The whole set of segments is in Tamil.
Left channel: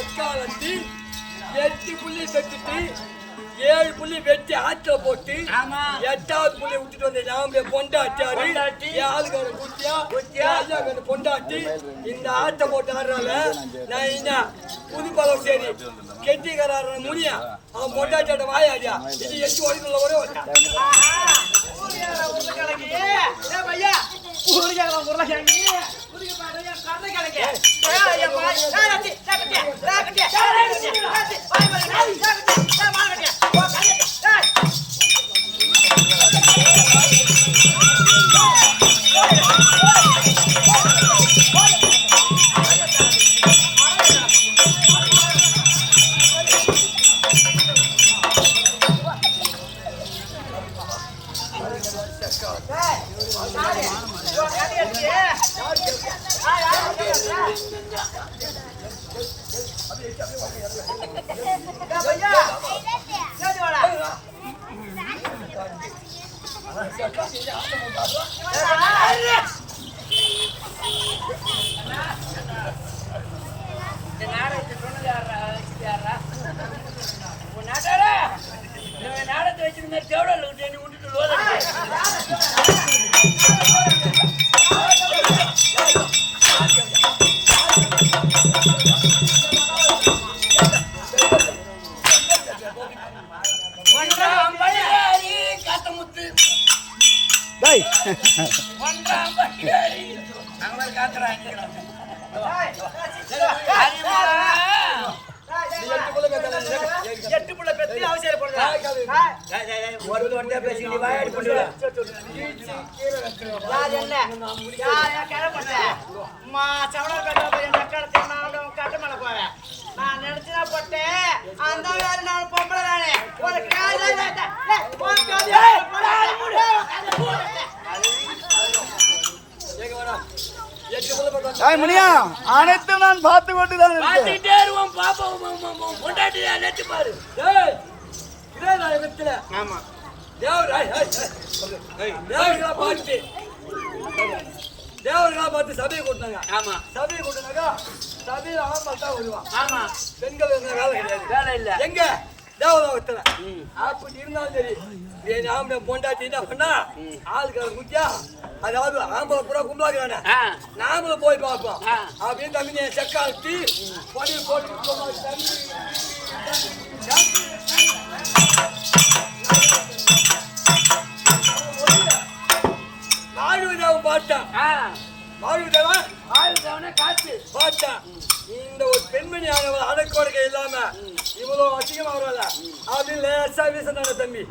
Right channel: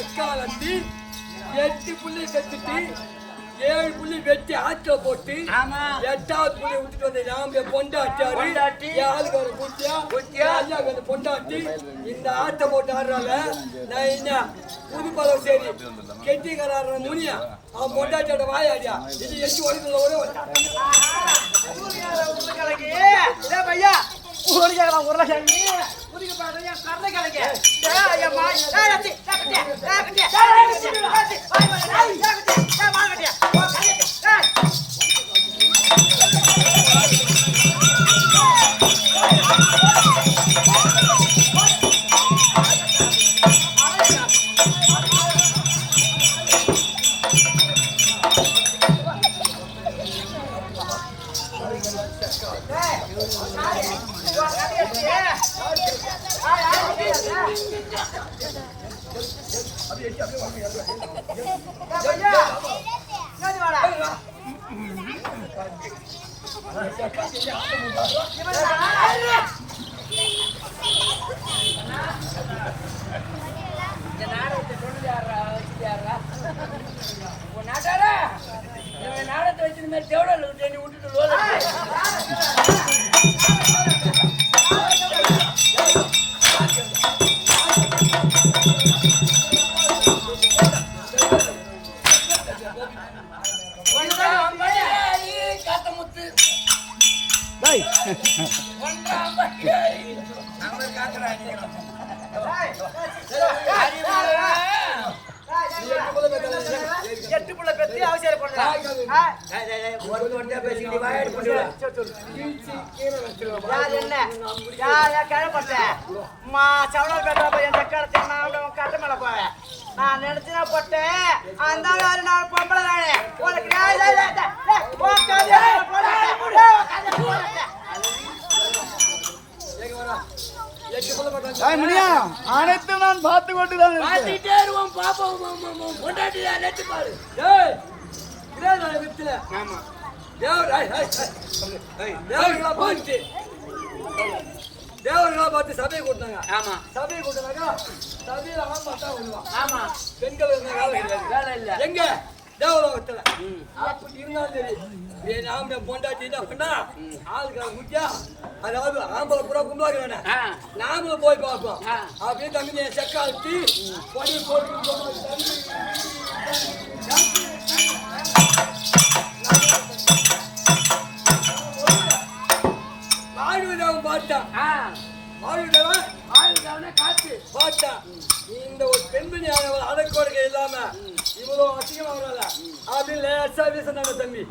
எக்காலத்தில் 8 புள்ளி வெட்டிட்டு 7 புள்ளி வெட்டி ஆத்துல போட்டு 8வது புள்ளி விட்டுட்டு வந்த நாமளே பொண்டாட்டி ஆளுக்கார குட்டியா ஐயாக்கார பொண்டாட்டி இந்த ஆட்டை போட்டு ஆடுறால நான் என்ன புது பழம் சரி கெட்டிக்கார முனியா அவன் பொண்டாட்டியோட வாயாடியா இது 8 வரைக்கும் ஒரே வரையா உருளைக்கிழங்கு பையா உருளைக்கிழங்கு உருளைக்கு பாடுறீங்க கருளைக்கிழங்கு இந்த நாடகத்தை சொன்னது யாரா வச்சுட்டு யாரா உன் நாட்டாரா நாடகத்தை வச்சிருந்த மாதிரி தேவடா தண்ணி விட்டுட்டு லோல காத்தமுத்து ஒன்றாம் எட்டு புள்ள பெத்தி அவசரப்படுறா கட்ட மேல போவேன் நான் நினைச்சுனா போட்டேன் அந்த நான் பொம்பளை தானே அனைத்து நான் பார்த்து கொண்டுதான் ஆமா தேவர்களா பார்த்து சபையை கூட்டினாங்க. ஆமா சபையை கூட்டினாக்கா சபையில ஆம்பல் தான் வருவான். ஆமா பெண்கள் வேலை கிடையாது, வேலை இல்ல. எங்க தேவலோகத்துல அப்படி இருந்தாலும் சரி நாம பொண்டாட்டி என்ன பண்ணா ஆளுக்கு முக்கியா, அதாவது ஆம்பளை பூரா கும்பலாக்குறானே நாமளும் போய் பார்ப்போம் அப்படின்னு தம்பி செக்காத்தி படி போட்டு வாழ்விதாவும் பாட்டான். வாழ்விதாவன் வாழ்விதாவன காத்து பாட்டான். இந்த ஒரு பெண்மணி அடக்கோடுக்க இல்லாம இவ்வளவு அசிங்கமா வரல அப்படின்னு லேசா வீச தம்பி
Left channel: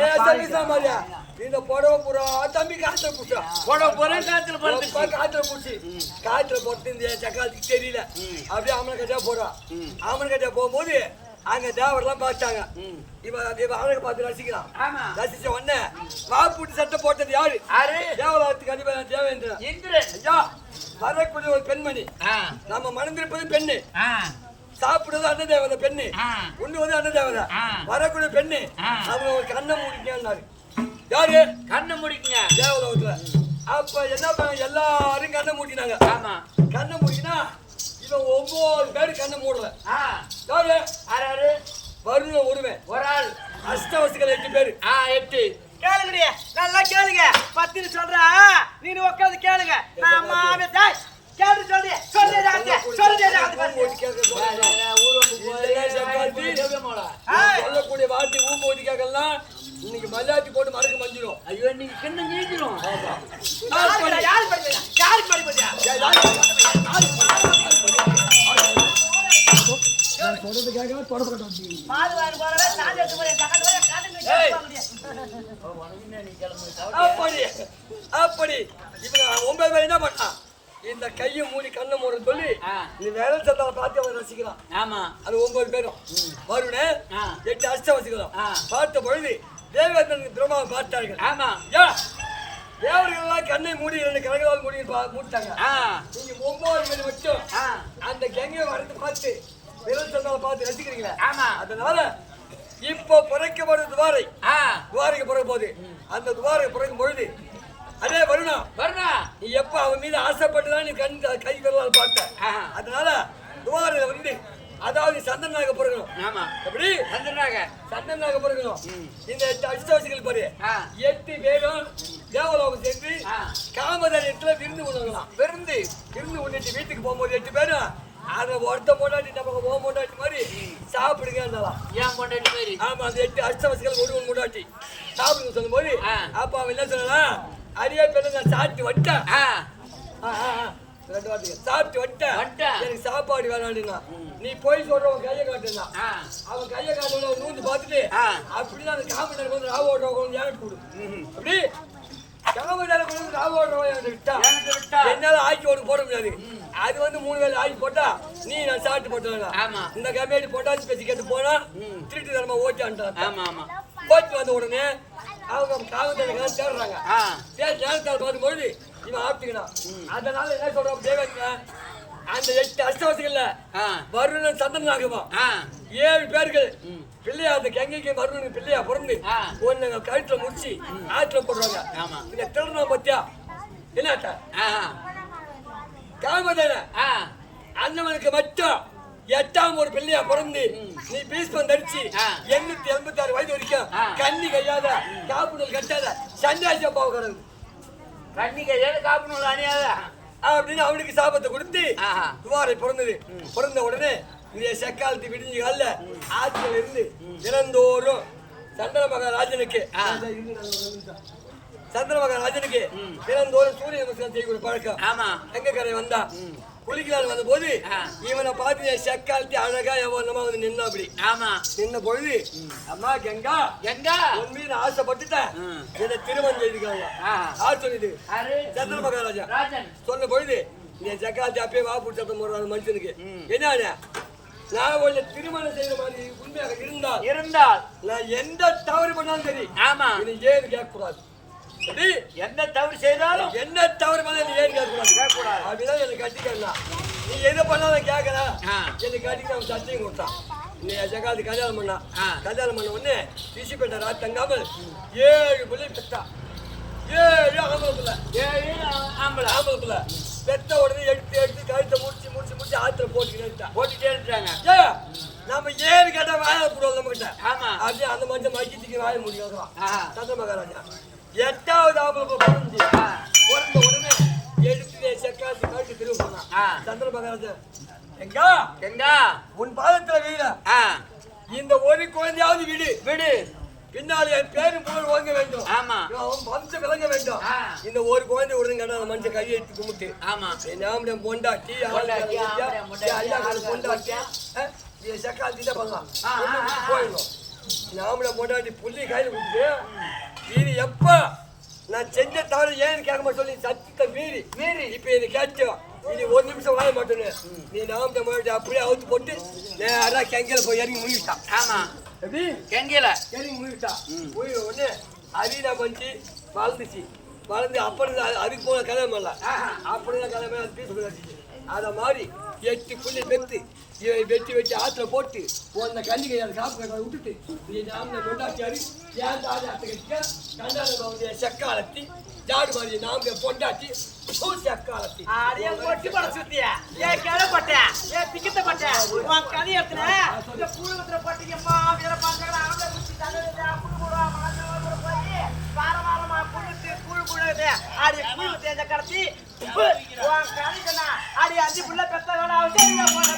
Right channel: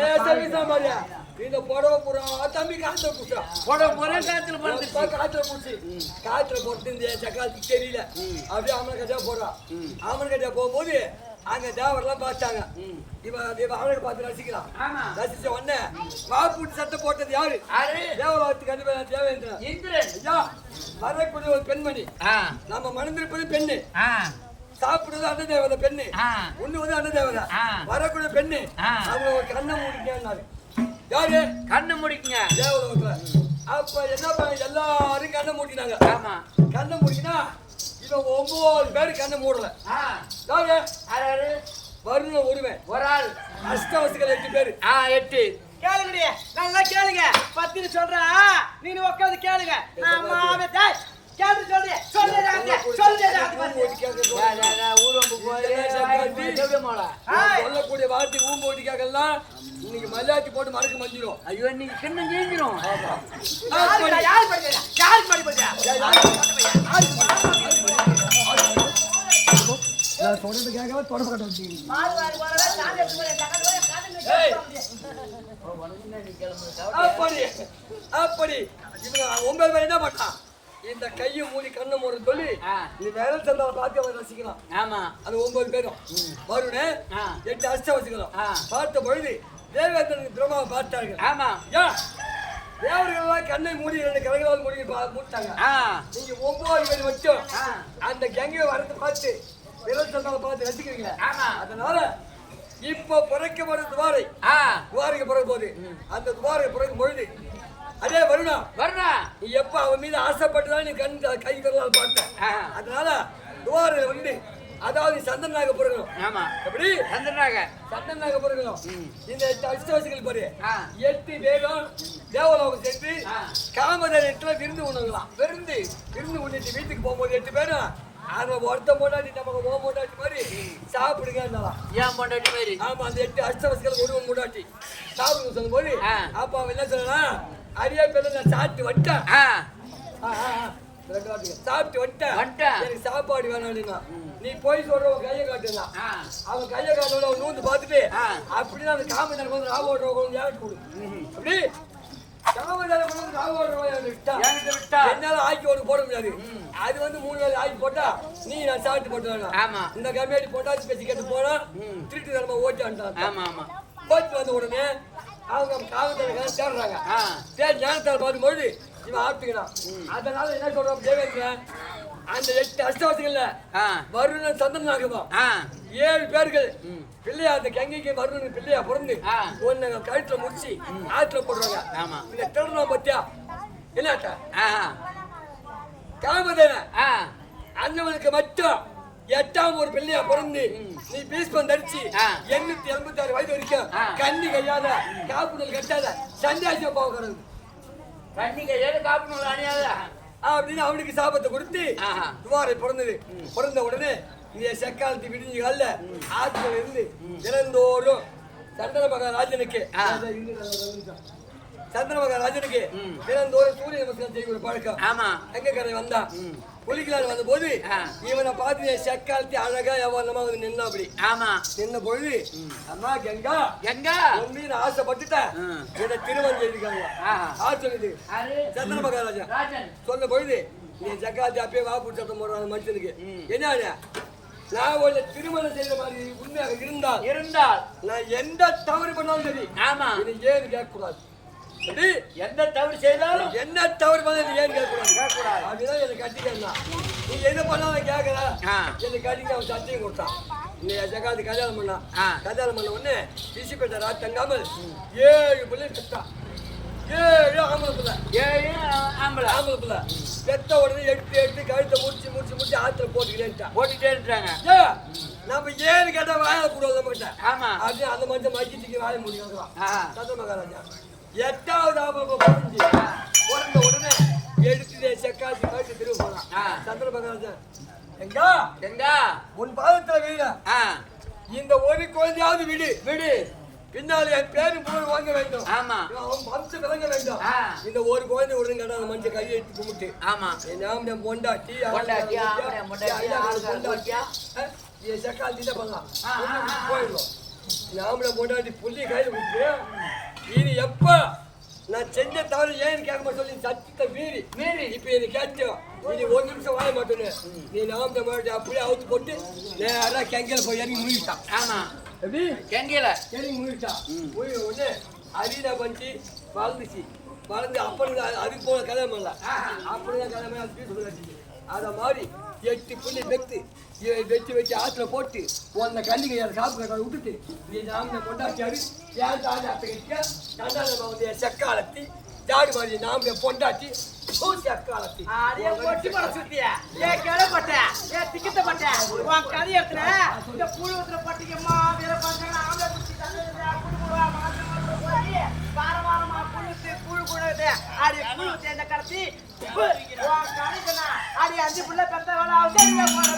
லேசா வீசா மாதிரியா இந்த புடவை பூரா தம்பி காத்துல பூசா புடவை போறேன் காத்துல பூச்சி காத்துல போட்டு இந்த சக்காத்துக்கு தெரியல அப்படியே அம்மன் கட்டியா போறான். அம்மன் கட்டியா போகும்போது அங்க தேவரெல்லாம் பார்த்தாங்க. இவன் அவனுக்கு பார்த்து ரசிக்கிறான். ரசிச்ச உடனே வாப்பூட்டி சட்டை போட்டது யாரு? தேவலோகத்துக்கு அதிபதி தேவேந்திரன். இந்திரன் ஐயா வரக்கூடிய ஒரு பெண்மணி. நம்ம மணந்திருப்பது பெண்ணு, சாப்பிடுறது அண்ண தேவதை பெண்ணு, உண்ணுவது அண்ண தேவதை. வரக்கூடிய பெண்ணு அவங்க ஒரு கண்ணை மூடிக்காரு. யாரு கண்ணை முடிக்குங்க தேவலோகத்துல? அப்ப என்ன பண்ண எல்லாரும் கண்ணை மூடினாங்க. கண்ணை மூடினா இவன் 9 பேரு கண்ணை மூடல. யாரு வருண ஒருவன் ஒரு ஆள், அஷ்டவசுகள் 8 பேரு. 8 கேளுங்க, நல்லா கேளுங்க. 10 சொல்றா நீங்க உட்காந்து கேளுங்க. சொல்லக்கூடிய வார்த்தை ஊம் போட்டு கேட்கலாம். இன்னைக்கு மல்லாத்தி போட்டு மறக்க மஞ்சிடும். ஐயோ நீங்க கிண்ண நீஞ்சிடும். அப்படி இவங்க 9 பேர் என்ன பண்ணா, இந்த கையை மூடி கண்ணை மூட சொல்லி நீ வேலை சந்தாவை பார்த்து அவன் ரசிக்கிறான். ஆமா அது 9 பேரும் வருண 8 அஷ்டவசுகளும் பார்த்த பொழுது தேவேந்திரனுக்கு பிரம்மாவை பார்த்தார்கள். ஆமா தேவர்கள் கண்ணை மூடி 2 கிழங்காவது மூடி மூட்டாங்க. நீங்க 9 பேர் வச்சோம் அந்த கங்கையை வரத்தை பார்த்து விரல் சந்தாவை பார்த்து ரசிக்கிறீங்களா? ஆமா அதனால இப்போ புரைக்கப்படும் துவாரை துவாரைக்கு பிறகு போகுது அந்த துவாரைக்கு பிறக்கும் பொழுது அதே வருணா நீ எப்ப அவன் மீது ஆசைப்பட்டுதான் நீ கண் கை விரலால் பார்த்த அதனால துவாரையில வந்து அதாவது சந்தனாக பிறக்கணும். ஆமா எப்படி சந்தனாக பிறக்கணும். இந்த 8 அஷ்டவசிகள் பாரு 8 பேரும் தேவலோகம் சென்று காமதேனத்துல விருந்து உணவலாம். விருந்து உண்ணிட்டு வீட்டுக்கு போகும்போது 8 பேரும் அதை ஒருத்த போட்டாட்டி நமக்கு ஓ போட்டாட்டி மாதிரி சாப்பிடுங்க ஏன் போட்டாட்டி மாதிரி. ஆமா அந்த 8 அஷ்டவசிகள் ஒருவன் போட்டாட்டி சாப்பிடுங்க சொல்லும் போது அப்ப அவன் என்ன சொல்லலாம் அரியா பேர் நான் சாப்பிட்டு வட்டேன் சாப்பிட்டு வட்டேன் எனக்கு சாப்பாடு வேணாம்னா நீ போய் சொல்றவன் கையை காட்டுனா அவன் கையை காட்டோட அவன் நூந்து பார்த்துட்டு அப்படிதான் அந்த காமதாரம் வந்து ராவ ஓடுறவங்க ஏகட்டு கொடு அப்படி காமதாரம் கொண்டு ராவ ஓடுறவன் விட்டா என்னால ஆக்கி ஓடு போட முடியாது. அது வந்து 3 வேலை ஆக்கி போட்டா நீ நான் சாப்பிட்டு போட்டேன் இந்த கம்மியாடி போட்டாச்சு பேசி கேட்டு போனா திருட்டு தரமா ஓட்டான்ட்டான். ஓட்டி வந்த உடனே அவங்க காமதாரம் தேடுறாங்க தேடி ஞானத்தால் பார்க்கும்போது இவன் ஆப்பிக்கணும். அதனால என்ன சொல்றோம் தேவேந்திர அந்த 8 அஷ்டவசிகள்ல வருணன் சந்தனாகமா 7 பேர்கள் பிள்ளையா அந்த கங்கைக்கு வருணனுக்கு பிள்ளையா பிறந்து ஒன்னு கழுத்துல முடிச்சு ஆத்துல போடுறாங்க. இந்த திருநம் பத்தியா என்னட்ட காமதேன அண்ணவனுக்கு மட்டும் 8ஆம் ஒரு பிள்ளையா பிறந்து நீ பீஸ்பம் தரிச்சு 886 வயது வரைக்கும் கண்ணி கையாத காப்புணல் கட்டாத சன்னியாசியா போக கிடக்குது. காப்பு நூல் அணியாத அப்படின்னு அவனுக்கு சாபத்தை கொடுத்து துவாரை பிறந்த உடனே இந்த செக்காலத்து விடிஞ்சு கால ஆத்துல இருந்து தினந்தோறும் சந்திர மகாராஜனுக்கு தினந்தோறும் சூரிய நமஸ்காரம் செய்யக்கூடிய பழக்கம் எங்க கரை வந்தா குளிக்கலான்னு வந்த போது இவனை பார்த்து செக்காலத்தி அழகா எவ்வளவு வந்து நின்னா அப்படி நின்ன பொழுது அம்மா கங்கா உன் மீது ஆசைப்பட்டுட்டேன் இதை திருமணம் செய்திருக்காங்க. யார் சொன்னது? சந்திர மகாராஜா சொன்ன பொழுது நீ செக்காலத்தி அப்பயே வாப்பு சத்தம் போடுறாங்க மனுஷனுக்கு என்ன நான் உன்னை திருமணம் செய்யற மாதிரி உண்மையாக இருந்தால் நான் எந்த தவறு பண்ணாலும் சரி ஏன்னு கேட்க கூடாது. என்ன தவறு செய்தாலும் என்ன தவறு பண்ண ஏன் கேட்கக்கூடாது அப்படிதான் எனக்கு கட்டிக்கலாம். நீ எதை பண்ணாலும் கேட்கல எனக்கு கட்டிக்க அவன் சத்தியம் கொடுத்தான். நீ ஜகாது கல்யாணம் பண்ண உடனே பிசிப்பேட்ட ராத் தங்காமல் 7 பிள்ளை பெற்றா. 7 ஆம்பளை பிள்ளை பெத்த உடனே எடுத்து கழுத்தை முடிச்சு ஆத்துல போட்டுட்டே இருக்காங்க. நம்ம ஏன்னு கேட்டா வாய போடுவோம் நம்ம கிட்ட அப்படியே அந்த மனுஷன் மைக்கத்துக்கு வாய முடியும் சந்திர மகாராஜா 8ஆவது ஆம்பளை பிறந்த உடனே எடுத்து செக்காச்சு கழுத்து திரும்ப போனான். சந்திர மகாராஜா எங்கா உன் பாதத்துல வீட இந்த ஒரு குழந்தையாவது விடு பின்னாலே என் பேரும் புகழ் வாங்க வேண்டும் அவன் வம்சம் விளங்க வேண்டும். இந்த ஒரு குழந்தை விடுறது கேட்டா அந்த மனுஷன் கையை எடுத்து கும்பிட்டு என் பொண்டாட்டி செக்காச்சு தான் பண்ணலாம் போயிடும். நாமள பொண்டாட்டி புள்ளி கையில் விட்டு இது எப்ப நான் செஞ்ச தவறு ஏன்னு கேட்க சொல்லி சத்தத்தை மீறி இப்ப இது கேட்டோம் இது 1 நிமிஷம் வாழ மாட்டேன்னு நீ நாம அப்படியே அவுத்து போட்டு நேரா கெங்கையில போய் இறங்கி முடிவிட்டான். எப்படி கெங்கையில இறங்கி முடிவிட்டான். முடிவு உடனே அரினா பஞ்சு வளர்ந்து அப்படி அதுக்கு போன கல்யாணம் இல்லை அப்படிதான் கல்யாணம் அது பேசக்கூடாது. அதை மாதிரி 8 புள்ளி வெட்டி ஆத்துல போட்டு உன்னை கண்டிகை அதை காப்பு கட்ட விட்டுட்டு நீ நாம கொண்டாச்சாரு ஏன் தாடி அத்தை கட்டியா கண்டாளம் வந்து செக்காலத்தி ஜாடு மாதிரி நாம பொண்டாட்டி செக்காலத்தி ஒட்டி பட சுத்தியா ஏன் கிளப்பட்ட ஏன் திக்கத்தப்பட்ட உன் கதை எடுத்துன இந்த கூழ் ஊத்துற பட்டிக்கம்மா வீர பாஞ்சாங்க ஆம்பளை புடிச்சு குடு குடுவா மாசமா கூட போய் வாரமா குழுது ஆடி குழு தேஞ்ச கடத்தி உன் கதை சொன்னா ஆடி 5 புள்ள பெத்த வேலை அவசரியா போன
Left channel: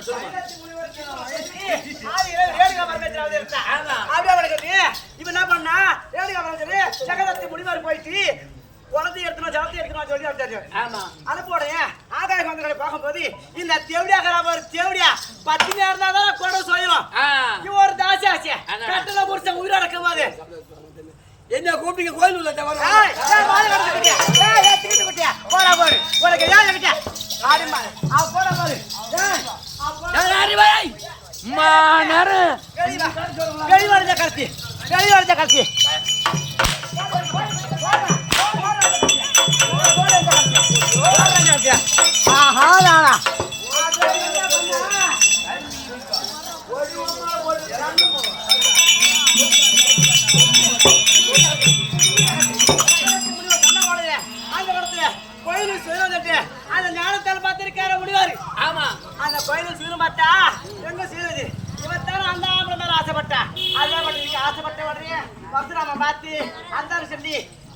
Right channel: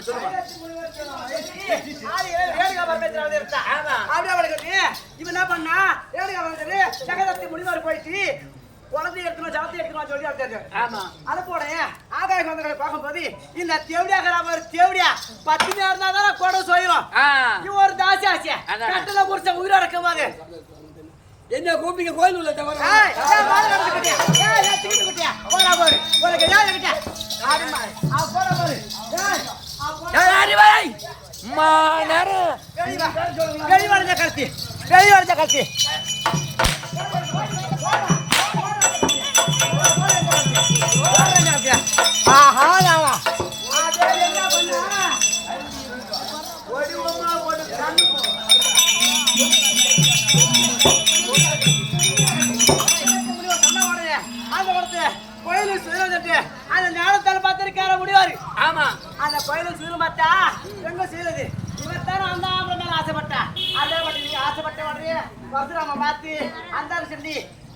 சொல்லுமா சொல்லுமா. ரேணுகா பரமேஸ்வரர் இருந்தா ஆமா. அப்படியே அவனுக்கு இவன் என்ன பண்ணா ரேணுகா பரமேஸ்வரர் ஜெகதத்தி முனிவர் போயிட்டு குழந்தை எடுத்துமா ஜலத்தை எடுத்துமா சொல்லி அடிச்சாரு. ஆமா. அனுப்போட ஆகாய வந்தங்களை பார்க்கும்போது இந்த தேவடியா ஒரு தேவடியா 10 நேரம் இருந்தாதான் கூட சொல்லிடும். இவன் ஒரு தாசி ஆச்சு கட்டளை புடிச்ச உயிரோட இருக்கும்போது என்ன கூப்பிங்க கோயில் உள்ள தவிர போடா போடு உனக்கு ஏன் கிட்ட ஆடுமா போடா போடு வெளிவாடுத கருத்து வெளிவாடுத கருத்து அந்த ஞானத்தால் பார்த்திருக்கார முடிவாரு. ஆமா. அந்த கோயிலும் சீரும் பார்த்தா எங்க சீருது இவத்தான அந்த ஆம்பளை மேல ஆசைப்பட்டா அதே மட்டும் நீங்க ஆசைப்பட்ட உடனே பரசுராம பார்த்து அந்த சொல்லி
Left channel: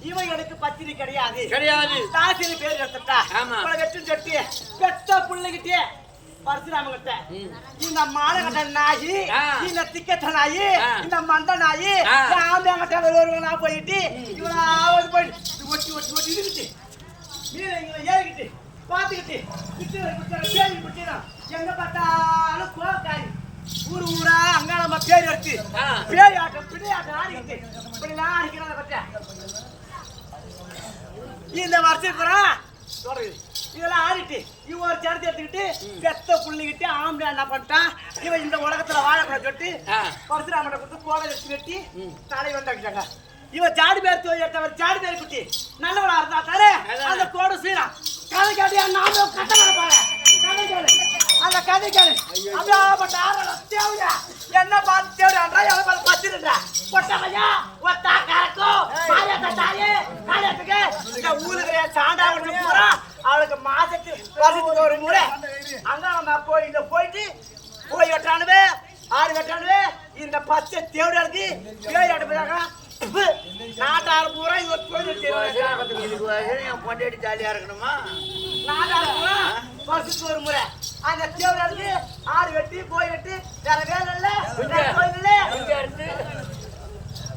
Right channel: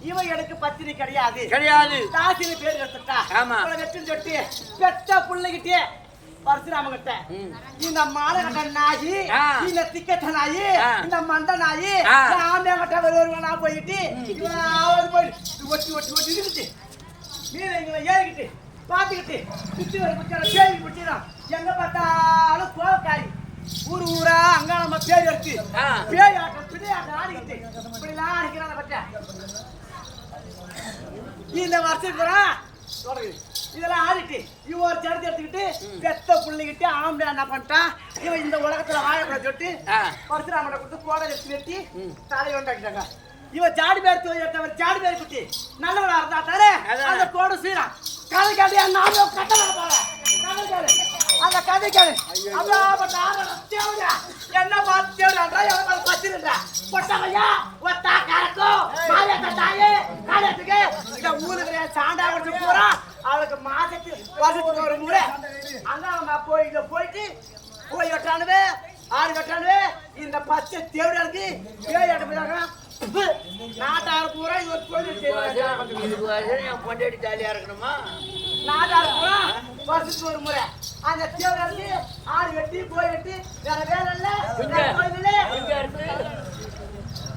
இவன் எனக்கு பத்தினி கிடையாது கிடையாது தாசினு பேர் எடுத்துட்டா. ஆமா. வெற்றி சொட்டி பெத்த பிள்ளைகிட்டே பரசுராம கிட்ட இந்த மாலை கட்ட நாயி இந்த திக்கட்ட நாயி இந்த மண்ட நாயி ஆம்பளை கட்ட வருவா போயிட்டு இவன் போயிட்டு ஒட்டி ஒட்டி ஒட்டி இருந்துச்சு நீங்க ஏறிக்கிட்டு பாத்துக்கிட்டு சுத்தி வர பிடிச்சாலும் பேரி பிடிச்சிடும். எங்க பார்த்தாலும் கோவக்காரி ஊரு ஊரா அங்க நம்ம பேரி எடுத்து பேரி ஆட்டம் பிடி ஆட்டம் ஆடிக்கிட்டு இப்படிலாம் அடிக்கிறாங்க பச்சை இந்த வருஷத்துக்கு வரான் தொடங்குது. இதெல்லாம் ஆடிட்டு இவன் ஒரு சேர்த்து எடுத்துக்கிட்டு பெத்த புள்ளிக்கிட்டு ஆம்பளை என்ன பண்ணிட்டான் இவன் இந்த உலகத்துல வாழக்கூடாது சொல்லிட்டு பரசுராமனை கொடுத்து கோடை எடுத்து வெட்டி தலையை உண்டாக்கிட்டாங்க. இவன் ஜாடி பேர் தோட்டவர் ஜாடி பேர் குட்டி நல்லவளா இருந்தா தானே அந்த கோடை சீரான் கதை கதையா நானும் கட்ட அந்த கதை கேளு அப்படியாப்பட்ட தேவையா என்ன பார்த்து தேவையா பச்சிருந்தா பொட்டமையா ஒத்தா கறக்கும் மாரியத்த தாயே காலையத்துக்கு இந்த ஊருக்கு சாண்டா கொடுத்து போறா அவளுக்கு வருஷத்துக்கு ஒரு முறை அங்க நம்ம கோயில போயிட்டு போய் வெட்டானுவே ஆடு வெட்டானுவே இந்த பச்சை தேவையாருக்கு பேய் ஆட்டு நாட்டாறு பூரா இவர் கொண்டாடி ஜாலியா இருக்கணுமா நாட்டாறு பூரா வருஷத்துக்கு ஒரு முறை அந்த தேவனுக்கு ஆடு வெட்டி போய் வெட்டி வேற வேலை இல்ல கோயில் இல்ல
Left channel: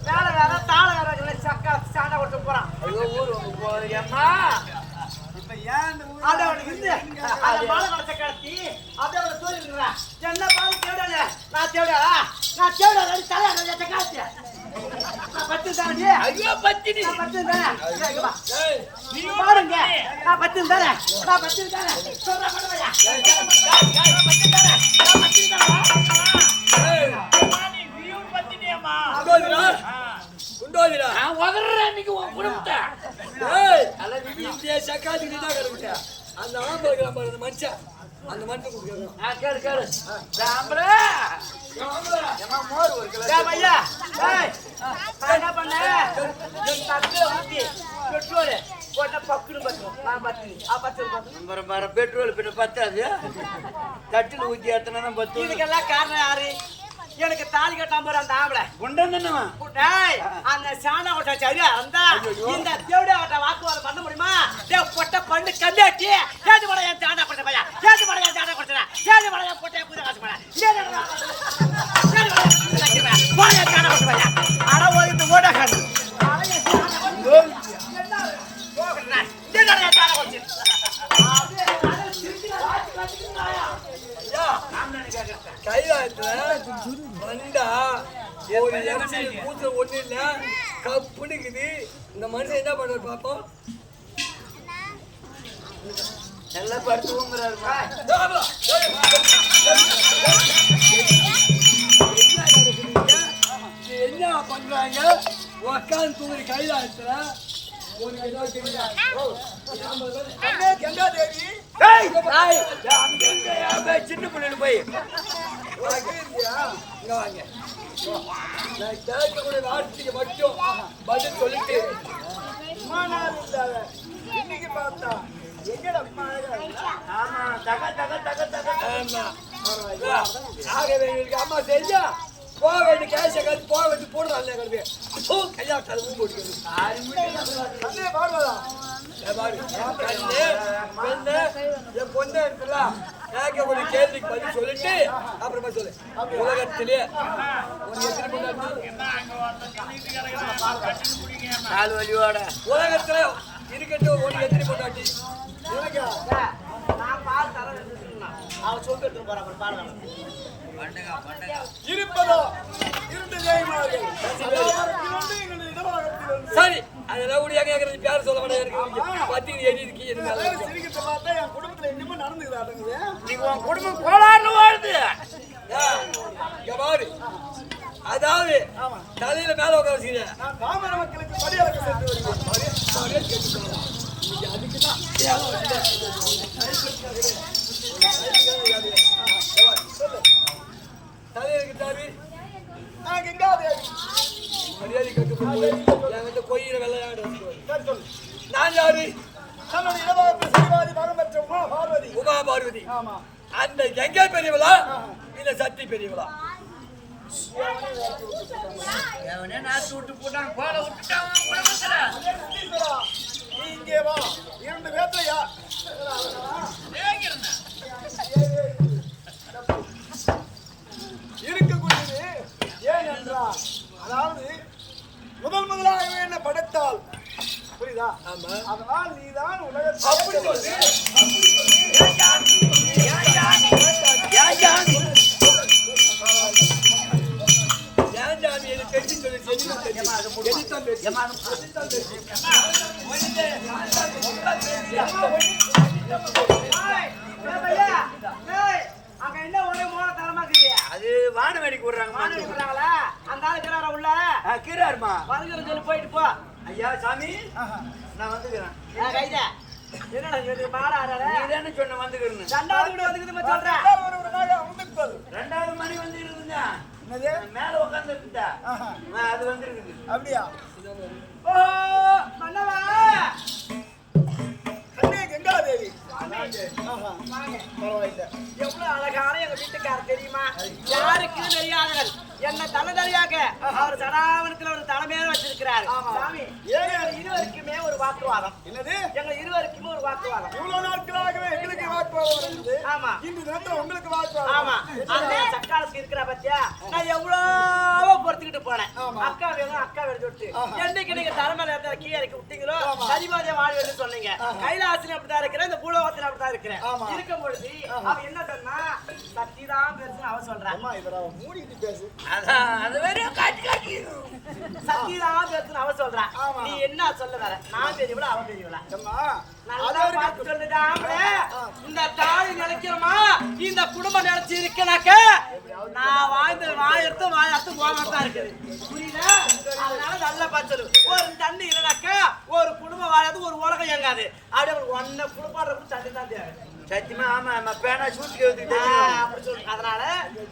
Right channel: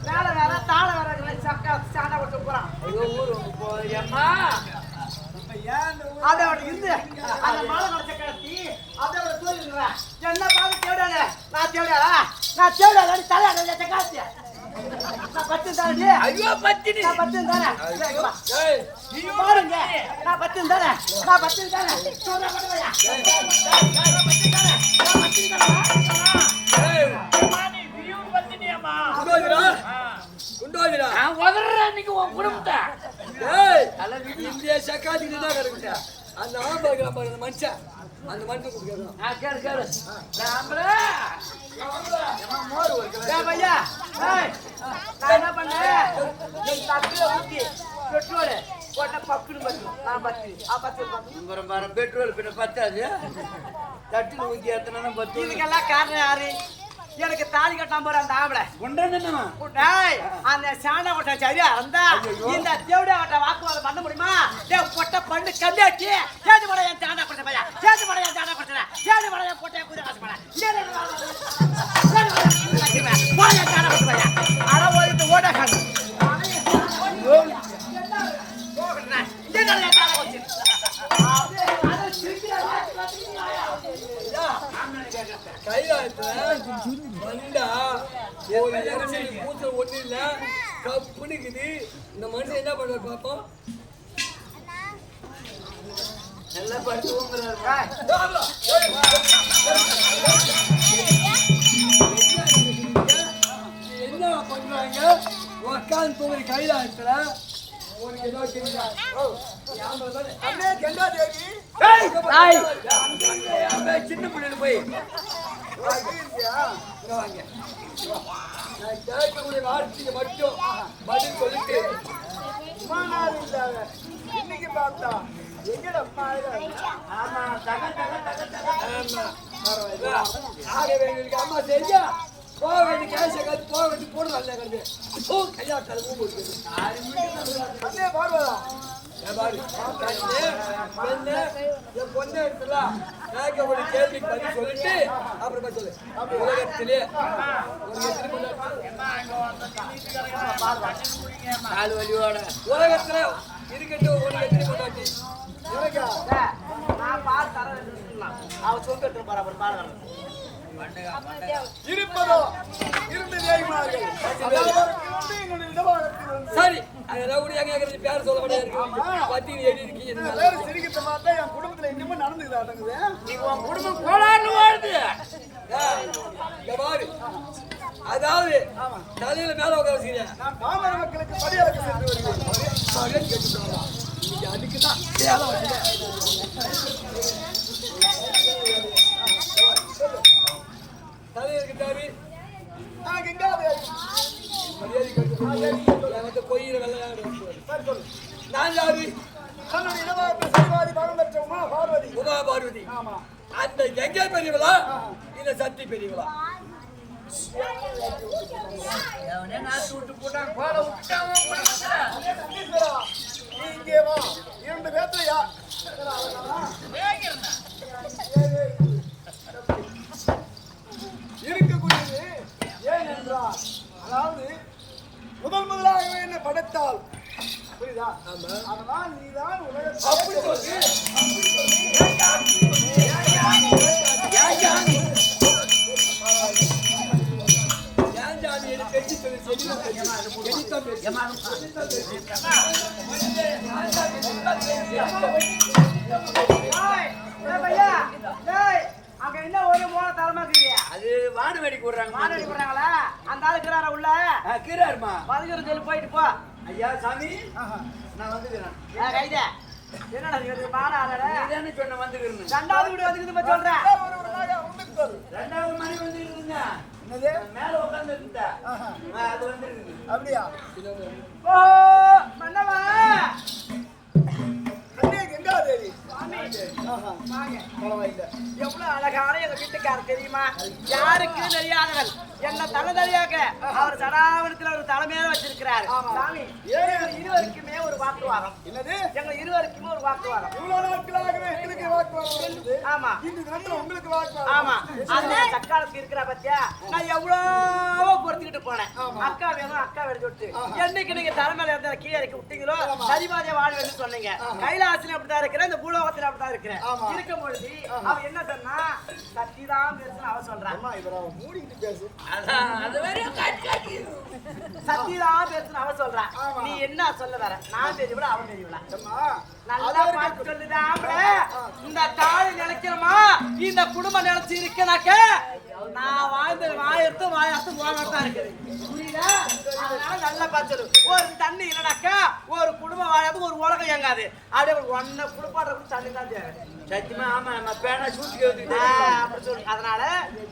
வேலை வேற தாள வேற சக்கா சாண்டா கொடுத்து போறான். அப்படியே இருந்து அந்த மாலை கடத்த கடத்தி அப்படியே தூங்கிடுறா என்ன பார்த்து தேவையான நான் தேவையாடா நான் தேவையாடா தலையாட காட்சி பத்து தானே ஐயோ பத்தினி நான் பத்து தானே நீ பாருங்க நான் பத்து தானே நான் பத்து தானே சொல்ற படவையா நான் பத்து தானே நான் பத்து தானே மானி வியூ பத்தினியம்மா குண்டோதிரா நான் வதறற அன்னைக்கு உன் குடும்பத்தை ஏய் இந்த சக்காதி நின்னா கரெக்ட்டா அந்த ஆம்பளை கிராம அந்த மனுஷன் அந்த மனுஷன் குடுக்குறான் கேளு கேளு ராமரா ஐயா நான் என்ன பண்ணேன் தப்பில ஊத்தி பெட்ரோல் போட்ட பக்குன்னு பத்துரும் நான் பத்து பத்து பெட்ரோல் பின்ன பத்தாது தட்டில் ஊற்றி ஏத்தனா பத்து இதுக்கெல்லாம் காரணம் யாரு எனக்கு தாலி கட்டாம போற அந்த ஆம்பளை குண்டா அந்த சாண்டா கொட்டா சரியா இருந்தா இந்த தேவடியா கொட்ட வாக்குவாதம் பண்ண முடியுமா பொட்ட பண்ணு கம்மியாச்சு ஏது மட என் சாண்டா கொட்ட பையா ஏது மட என் சாண்டா கொட்ட ஏது மட என் பொட்டை கூத காசு போட சாண்டா கொட்ட பையா அட ஓடிட்டு ஓட காடு கைலாயத்துல வந்தா ஒரு கூச்சல் ஒண்ணு இல்ல கப்புனுக்குது. இந்த மனுஷன் என்ன பண்றாரு பாப்போம். நல்லா படுத்துவோங்கிறாரு என்ன பண்றாங்க உக்காந்து தூங்குற கைலாயத்துல ஒரு ஏதோ தெரியுதா சின்ன பிள்ளைங்க போய் இங்க வாங்க. நான் கேட்கக்கூடிய வார்த்தைக்கு மட்டும் பதில் சொல்லிட்டு நாள் இல்லாத இன்னைக்கு பார்த்தா எங்கட அம்மா ஆமா தக தக தக தக ஆமா ஆகவே எங்களுக்கு அம்மா செஞ்சா போக வேண்டிய கேஷை காத்து போக வேண்டிய போடு நல்ல கிடக்கு கையா கதை ஊம்பு எடுக்கிறது அண்ணே பாடுவதா பாரு கண்ணு பெண்ணு என் பொண்ணு எடுத்துல கேட்கக்கூடிய கேள்விக்கு பதில் சொல்லிட்டு அப்புறமா சொல்லு. உலகத்திலே ஒரு எத்தனை பொண்டாட்டி? நாலு வழியோட உலகத்துல இருக்கட்டும் உனக்கு எத்தனை பொண்டாட்டி? எனக்கா நான் பால் தரேன் அவன் சொம்பு எடுத்துட்டு போறா அப்புறம் பால் இருப்பதோ 2 தேய்மார்கள். அதாவது ஒன்று என்னுடைய இடபாகத்தில் ஒன்று. சரி அதெல்லாம் கூட எங்க கேக்குறது பேர் சொல்ல மாட்டேங்க. பத்திக்கு எழுதி இருக்கீங்க. எல்லாரும் சிரிக்கிட்ட பார்த்தா என் குடும்பத்துல இன்னமும் நடந்துக்குது ஆட்டங்குது. நீங்க உன் குடும்பம் கோளாறுல வாழுது. இங்க பாரு. அதாவது தலையில மேல உட்கார வச்சுக்கிறேன். நான் பாமர மக்களுக்கு படியளக்க சென்று வருகிறேன். மரியாதை கேட்டுட்டாங்க. இன்னைக்கு அதுக்கு தான் சேலை வச்சுட்டேன். தலையில கிட்டாரு கங்காதேவி மரியாதை கேட்டு என்கிட்ட கொய்யிற வெள்ளையாடு. சரி சொல்லு. நான் யாரு? தன்னுடைய இடபாகத்தில் சரிவாதி பாகம் பெற்ற உமா பார்வதி. உமா பார்வதி. ஆமா. அந்த கங்கை பெரியவளா இல்ல சக்தி பெரியவளா? எவனே நாத்து விட்டு போட்டான் போல விட்டுட்டான் குடும்பத்துல. அதே நந்தீஸ்வரா நீ இங்கே வா. 2 பேர்த்துல யார் இருக்கக்கூடியது ஏனென்றால் அதாவது முதலாகவே என்ன படைத்தால் புரியுதா? ஆமா. அதனால் நீதான் உலகத்தில் அப்படி சொல்லு. ஏன் ஜாமி எனக்கு தெரிஞ்சு சொல்லு. அங்க என்ன ஒரே மோன தரமாக்குறியா? அது வானவேடிக்கை விடுறாங்க. மாணவி போறாங்களா? அந்த ஆளு இருக்கிறாரா உள்ள? கீராருமா வந்துக்கிற சொல்லி போயிட்டு போ. ஐயா சாமி நான் வந்துக்கிறேன். கைதா என்னடா நீ வந்து பாட ஆறாட? நீதானே சொன்ன வந்துக்கிறேன். 2வது வீடு வந்துக்குதுமா சொல்றேன். ஒருவராக அமர்ந்திருப்பது 2வது மணி வந்து இருக்குங்க. என்னது? மேல உட்கார்ந்து இருந்தா அது வந்து இருக்குது. அப்படியா? ஓ மன்னவா கண்ணே கங்காதேவி. வாங்க. பரவாயில்லை. எவ்வளவு அழகான எங்க வீட்டுக்காரர் தெரியுமா? யாருக்கு தெரியாதவர் என்ன தலைதலையாக அவர் சடாவனத்துல ஒரு தலைமையில வச்சிருக்கிறாரு. சாமி எங்க இருவருக்குமே ஒரு வாக்குவாதம். என்னது? எங்க இருவருக்குமே ஒரு வாக்குவாதம். இவ்வளவு நாட்களாகவே எங்களுக்கு வாக்குவாதம் இருந்தது. ஆமா. இந்த தினத்துல உங்களுக்கு வாக்குவாதம். ஆமா. அந்த சக்காலத்துக்கு இருக்கிற பத்தியா நான் எவ்வளவோ பொறுத்துக்கிட்டு போனேன். அக்கா வேணும் அக்கா வேணும் சொல்லிட்டு என்னைக்கு நீங்க தலைமையில இருந்த கீழே இறக்கி விட்டீங்களோ சரிபாதிய வாழ்வேன்னு சொன்னீங்க. கைலாசில அப்படிதான் இருக்கிறேன், இந்த பூலோகத்துல அப்படிதான் இருக்கிறேன். இருக்கும் பொழுது அவ என்ன சொன்னா சத்திதான் பேசுன்னு அவ சொல்றான். அம்மா இவரை மூடிட்டு பேசு. அது வேற காட்டி சத்திதான் பேசுன்னு அவ சொல்றான். நீ என்ன சொல்ல வர? நான் பெரியவளா அவன் பெரியவளா? அம்மா நல்லா பார்த்து சொல்லுதாம்ல. இந்த தாய் நினைக்கிறமா இந்த குடும்பம் நினைச்சு இருக்கனாக்க நான் வாயர்த்து போகத்தான் இருக்குது. புரியல? அதனால நல்லா பார்த்து சொல்லு. ஒரு தண்ணி இல்லைனாக்கா ஒரு குடும்பம் வாழாது, ஒரு உலகம் இயங்காது. அப்படியே ஒன்ன குடுப்பாடுற கூட தண்ணி தான் தேவை. சத்தியமா ஆமா நம்ம பேனா சூட்டி அப்படி சொல்லு. அதனால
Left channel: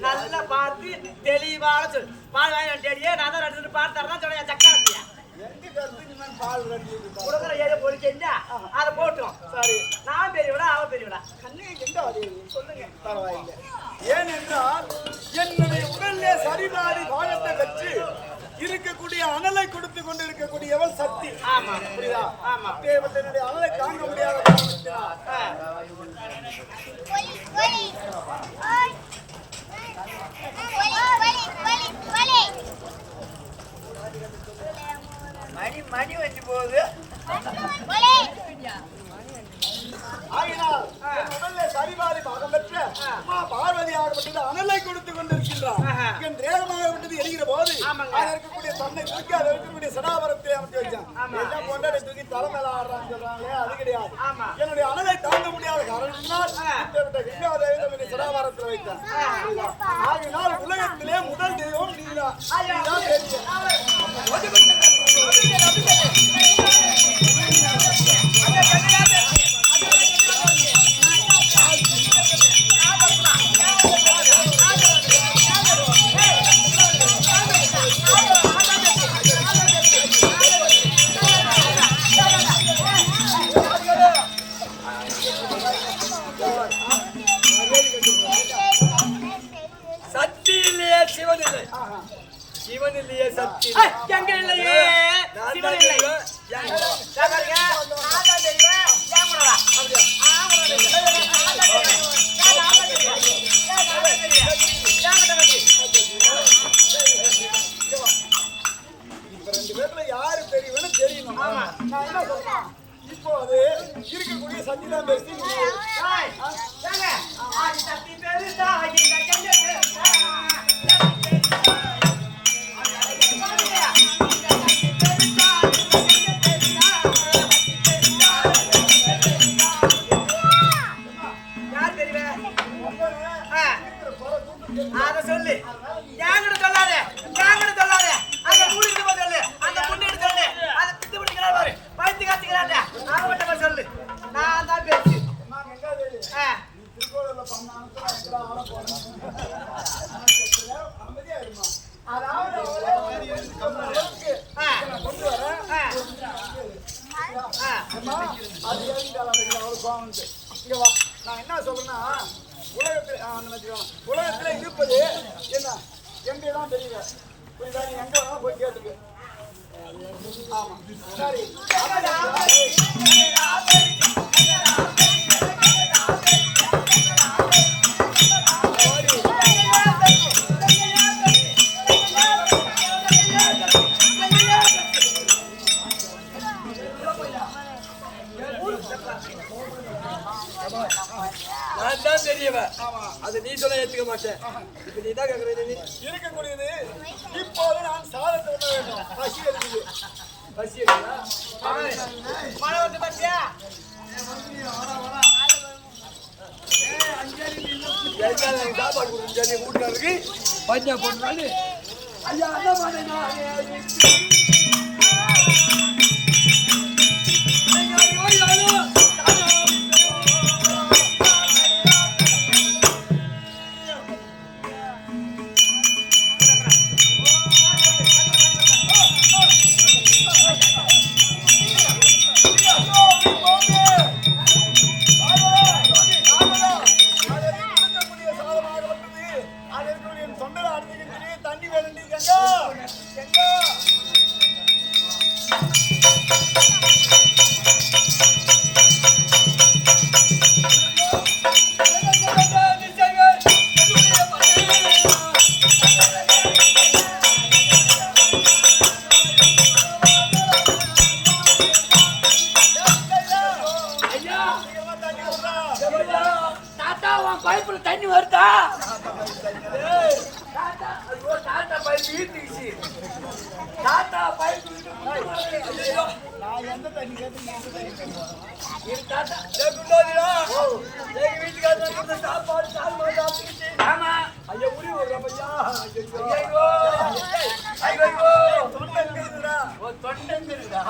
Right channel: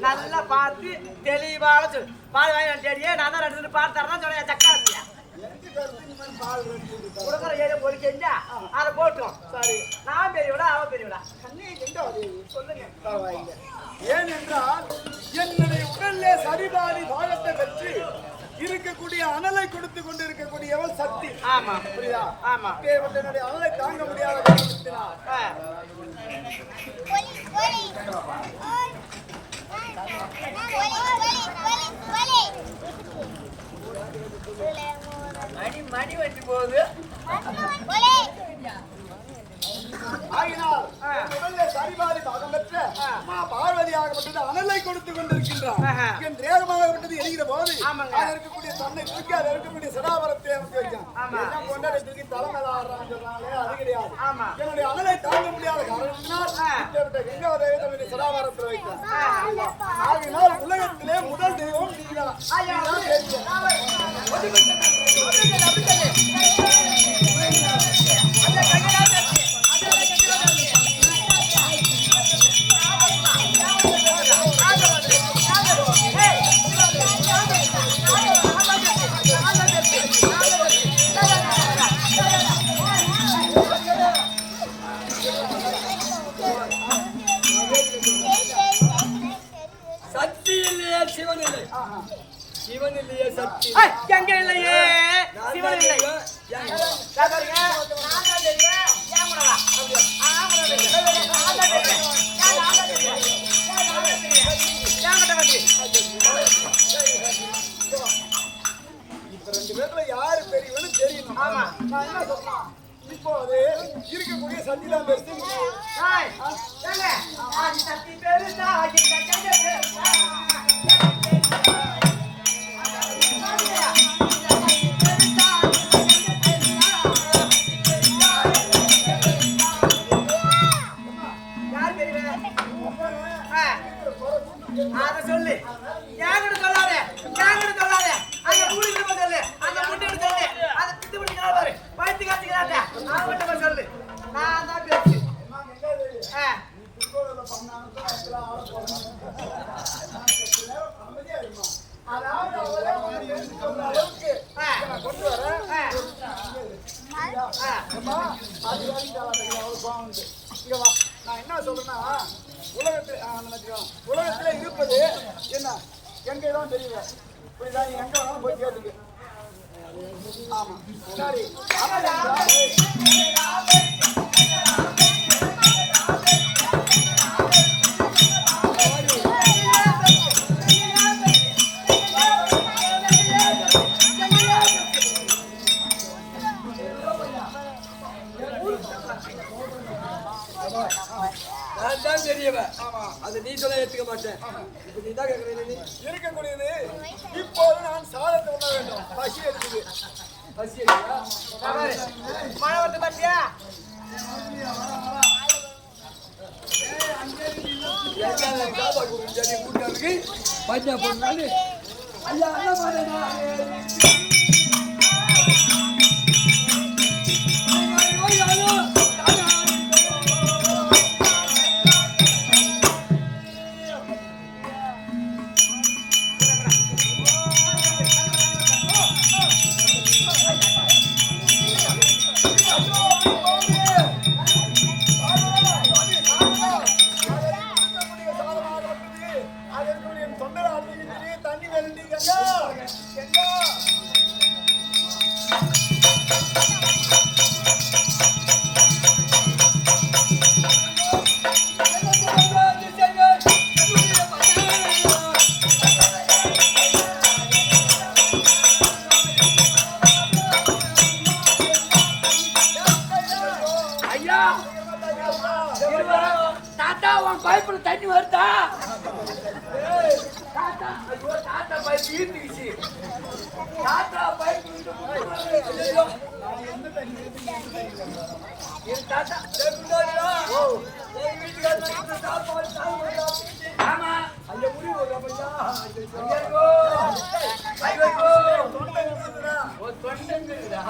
நல்லா பார்த்து தெளிவாக சொல்லு. பால் வாங்கி தேடியே நான் தான் 2 பால் தரதான் சொன்னேன். சக்காலத்தியா எங்க கருத்து இந்த மாதிரி பால் கட்டிட்டு கொடுக்குற ஏரியா போய் செஞ்சா அதை போட்டோம். சரி நான் பெரியவிடா அவ பெரியவிடா? கண்ணே கங்காதேவி சொல்லுங்க. பரவாயில்லை. ஏனென்றால் என்னுடைய உடல்ல சரிபாதி பாகத்தை பெற்று இருக்கக்கூடிய அனலை கொடுத்து கொண்டு இருக்கக்கூடியவள் சக்தி. ஆமா புரியுதா? ஆமா. என்னுடைய அனலை தாங்க முடியாத காரணத்தினால் மணி வச்சு போகுது. ஆகினால் என் உடல்ல சரிபாதி பாகம் பெற்ற அம்மா பார்வதி ஆகப்பட்டது அனலை கொடுத்து கொண்டிருக்கின்றார். என் தேகமாகப்பட்டது எரிகிற போது அது இருக்கக்கூடிய தன்னை தூக்கி அது இருக்கக்கூடிய சடாபரத்தை அமைத்து வச்சான். எல்லாம் கொண்டாடி தூக்கி தலைமையில ஆடுறான்னு சொல்றாங்களே, அது கிடையாது. என்னுடைய அனலை தாங்க முடியாத காரணத்தினால் இப்பேற்பட்ட கங்காதேவி தன்னுடைய சடாபரத்தில் வைத்தான். ஆகினால் உலகத்திலே முதல் தெய்வம் நீதான். நீதான் சக்தி இல்லையே சிவன் இல்லை. சிவன் இல்லையே சக்தி எங்க இல்லையே சிவன் இல்லை. பாருங்க என்கிட்ட கட்டி. இப்ப ரெண்டு பேர்ல யாரு பெரியவன்னு தெரியணும். ஆமா. நான் என்ன சொல்றேன், இப்போ அது இருக்கக்கூடிய சக்தி தான் பெருசு. ஏய், ஏங்க, ஆதி சக்தி பெருசா, இந்த கண்ட பெருசா. அத சொல்லு, என்கிட்ட சொல்லாத, என்கிட்ட சொல்லாத. அந்த மூடிக்கிட்டு போய் சொல்லு, அந்த முன்னிட்டு சொல்லு, அந்த பித்து பிடிக்கிறாரு பாரு, பழுத்து காத்துக்கிறாட்ட, அதை மட்டும் போய் சொல்லு. நான் தான் பேச்சு. நீ திருக்கோவில பண்ணானுக்கு நான் எங்கெல்லாம் ஆட போறேன். அமைதியா இருமா. அதாவது அவரே வந்து சொல்ற அளவுக்கு நான் கொண்டு வரேன். அம்மா அது இறங்கிட்டாலும் அவளுக்கு கோவம். இங்க வா, நான் என்ன சொல்றேன்னா, உலகத்துல இருப்பது என்ன எங்க தான் தெரியல. புரியுதா? நீ எங்க வேணாலும் போய் கேட்டுக்கு. ஆமா சரி. நான் தான் தெரியவன். அது நீ சொல்ல ஏத்துக்க மாட்டேன். இப்ப நீ தான் கேக்குற. நீ இருக்கக்கூடியது இப்போது நான் சாதத்தை உண்ண வேண்டும். பசி இருக்குது. பசி எடுக்கா மழை வந்து பாத்தியா? சாப்பாடு கொடுத்து வீட்டுக்காரருக்கு பஞ்சா போட்டுனாலும் ஐயா அந்த மாதிரி தண்ணி வேண்டி கங்கா கங்கா தாத்தா உன் பைப்புல தண்ணி வருதா? தாத்தா பைப்பு நான் எந்த தண்ணி கேட்டு எந்த தண்ணி தாத்தா எங்க வீட்டுக்காரங்க கொடுத்த சாப்பாடு சாப்பாடு சாப்பிட்டு ஆமா ஐயா உரி ஒரு பையா தொண்டை இருக்குதுடா. தொண்டங்குறா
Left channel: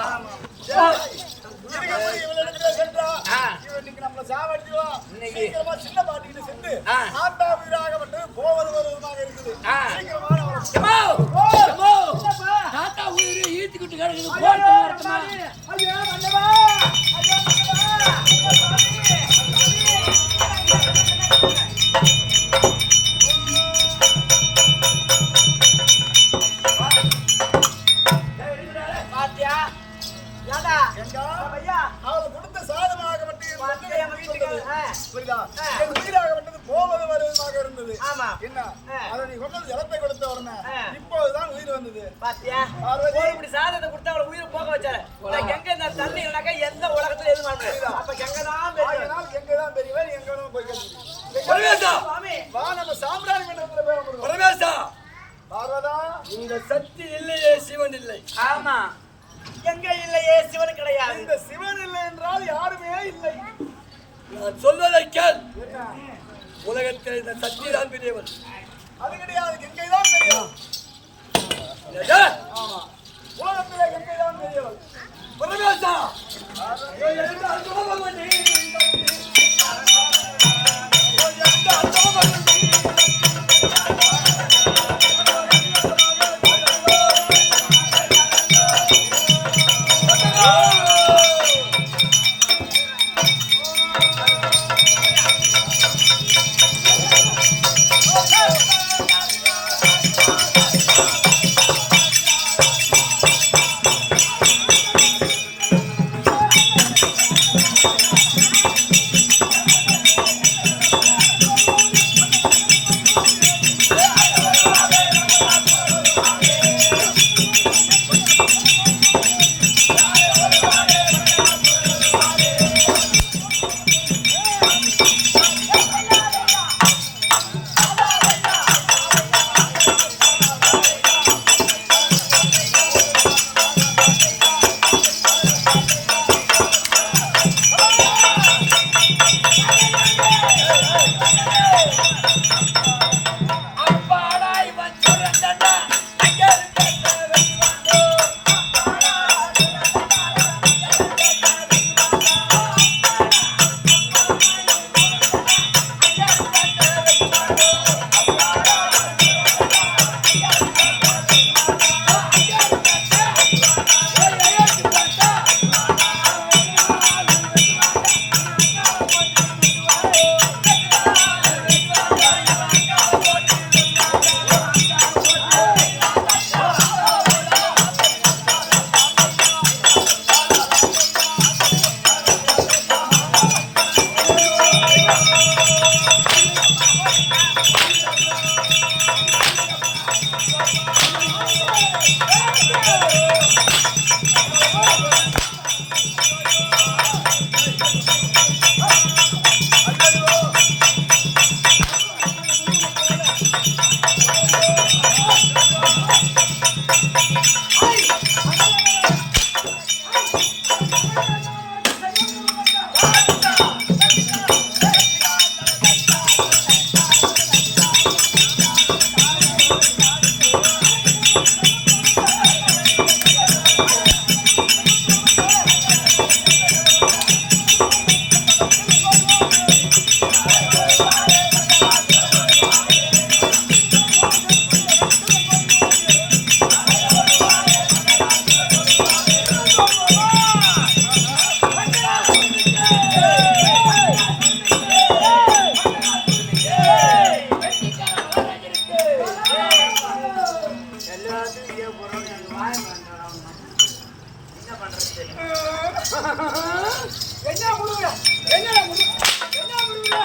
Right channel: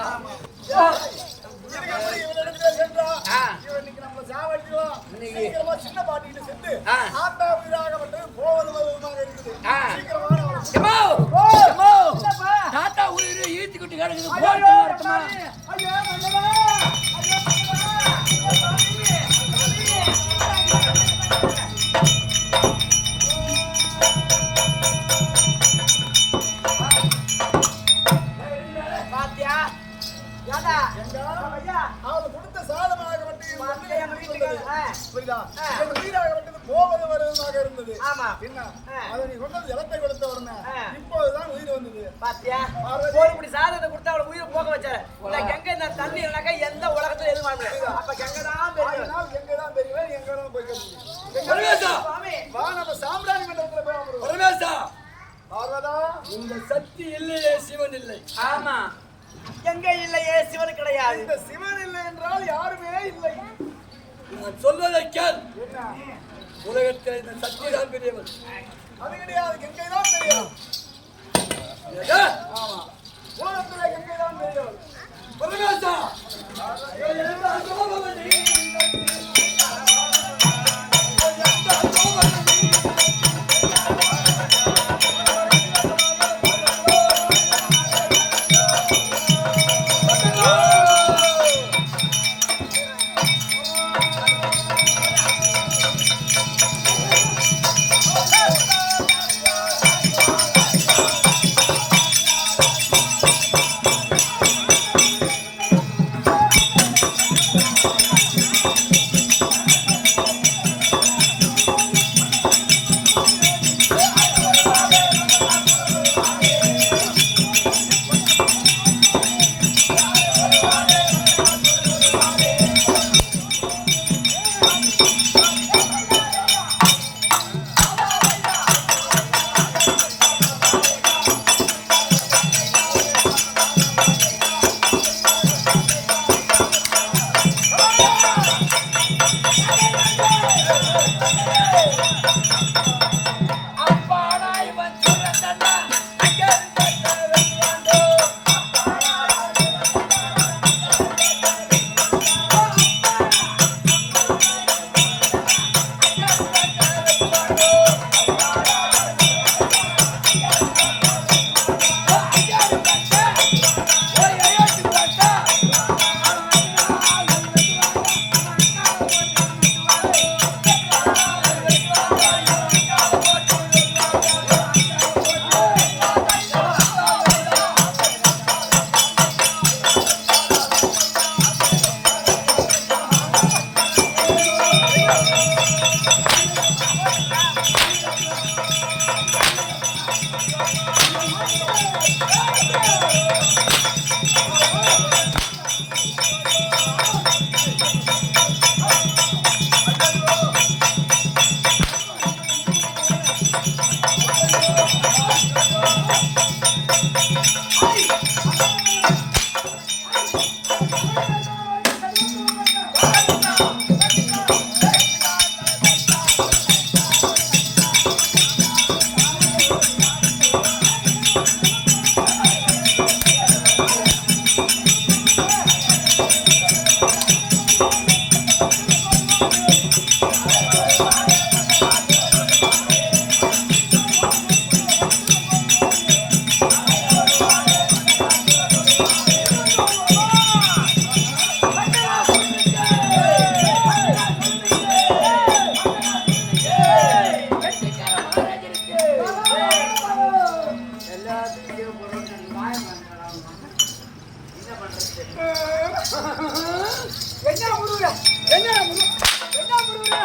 இருக்கக்கூடிய இவளிடத்துல சென்றா இவன் இன்னைக்கு நம்மள சாவடிக்குவோம். சீக்கிரமா சின்ன பாட்டிக்கிட்ட சென்று ஆட்டா உயிராகப்பட்டது போவது வருவதுமாக இருக்குது. சீக்கிரமா தாத்தா உயிர் ஈத்துக்கிட்டு கிடக்குது. போட்டு வரட்டுமா? ஐயோ மன்னவா, ஐயோ மன்னவா, பாத்தியா? ஏடா எங்க ஐயா அவளை கொடுத்த சாதமாகப்பட்டு எங்க வீட்டுக்கு புரியுதா? என் உயிராகப்பட்டது போவது வருவதுமாக இருந்தது. ஆமா. என்ன அதை நீ கொண்டது ஜலத்தை கொடுத்த உடனே இப்போதுதான் உயிர் வந்தது. பாத்தியா? ஒரு இப்படி சாதத்தை கொடுத்தா அவளை உயிரை போக வச்சாரு. எங்க இந்த தண்ணி இல்லைனாக்கா எந்த உலகத்துல எதுவும் பண்ண முடியாது. அப்ப எங்கதான் பெரிய எங்கதான் பெரியவன் எங்க வேணாலும் போய் கேட்டு பரமேசா வா, நம்ம சாம்பிராணி மண்டபத்துல போய் அமருவோம். பரமேசா பார்வதா, இந்த சக்தி இல்லையே சிவன் இல்லை. ஆமா எங்க இல்லையே சிவன் கிடையாது. இந்த சிவன் இல்லை என்றால் யாருமே இல்லை. நான் சொல்வதை கேள். என்ன? உலகத்தில் இந்த சக்தி தான் பெரியவன். அது கிடையாது, கங்கை தான் பெரியவன். ஏதா? ஆமா, உலகத்துல கங்கை தான் பெரியவன். பரமேசா என்ன முருகா என்ன முருகா என்ன முருகா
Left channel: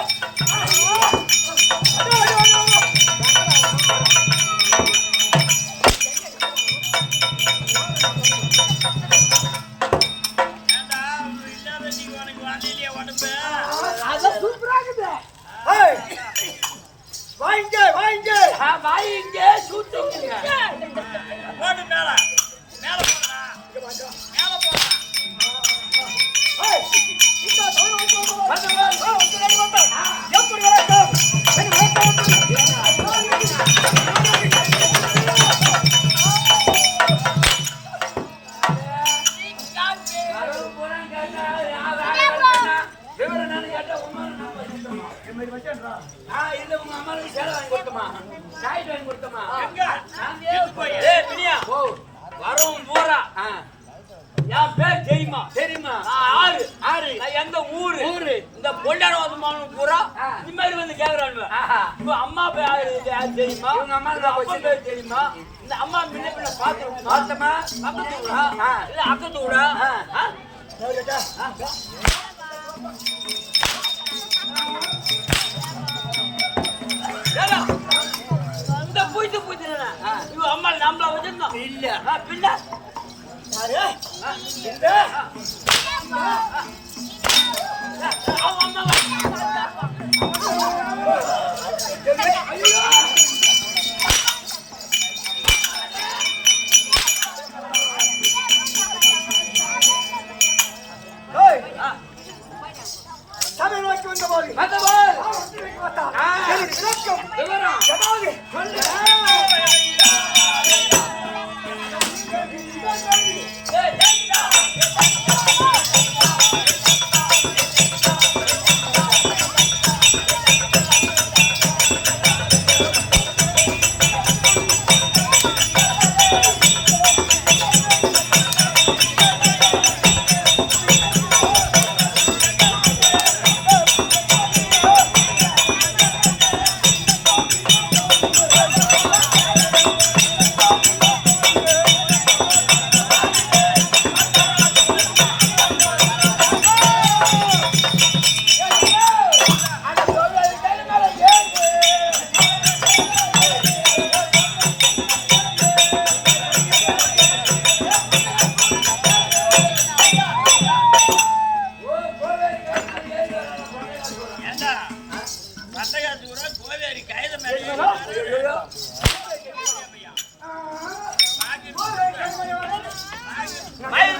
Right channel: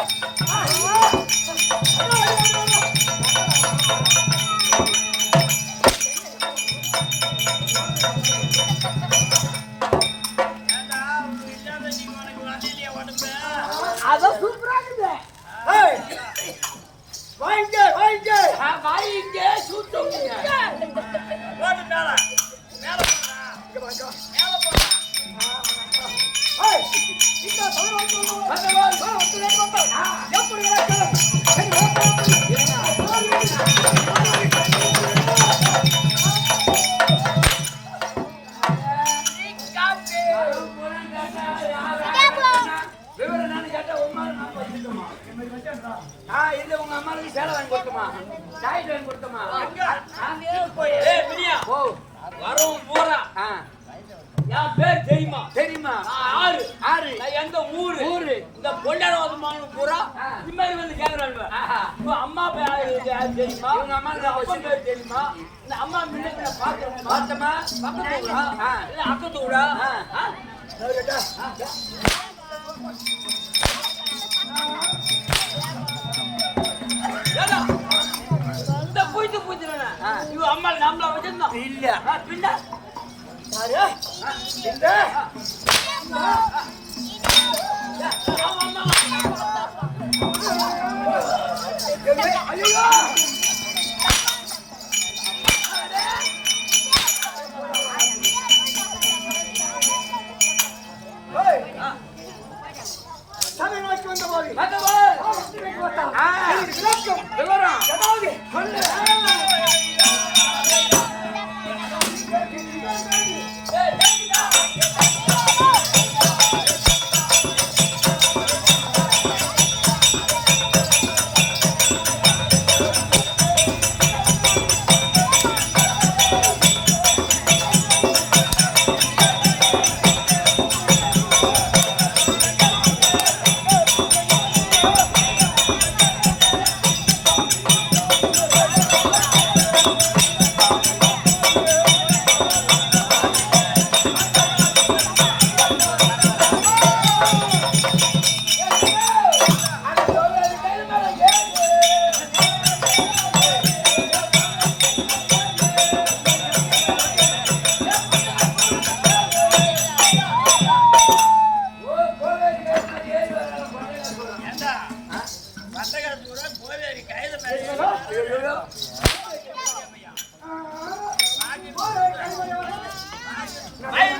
அதான் சூப்பரா இருக்குது. வாங்க வாங்க வாங்கிங்க சூட்டுங்க. போடு மேல மேல போடுறா மேல போடுறா. இந்த தமிழ் வாங்க எப்படி வணக்கம் இல்ல உங்க அம்மாவுக்கு சேலை வாங்கி கொடுத்தமா சாய்ட் வாங்கி கொடுத்தமா வரும் பூரா என் பேர் தெரியுமா தெரியுமா ஆறு ஆறு எந்த ஊரு ஊரு இந்த பொல்லானோதமான பூரா இந்த மாதிரி வந்து கேக்குறாங்க இப்ப அம்மா பேர் தெரியுமா உங்க அம்மா அப்பா பேர் தெரியுமா இந்த அம்மா முன்ன பின்ன பாத்துருமா பார்த்தமா பக்கத்து ஊரா இல்ல அக்கத்து ஊரா இந்த பூத்து பூத்துனா இவ அம்மா நம்மள வச்சிருந்தோம் இல்ல பின்ன யாரு இந்த ஐயோ தமிழ் நோக்கி வந்த போது விவரம் சொல்லு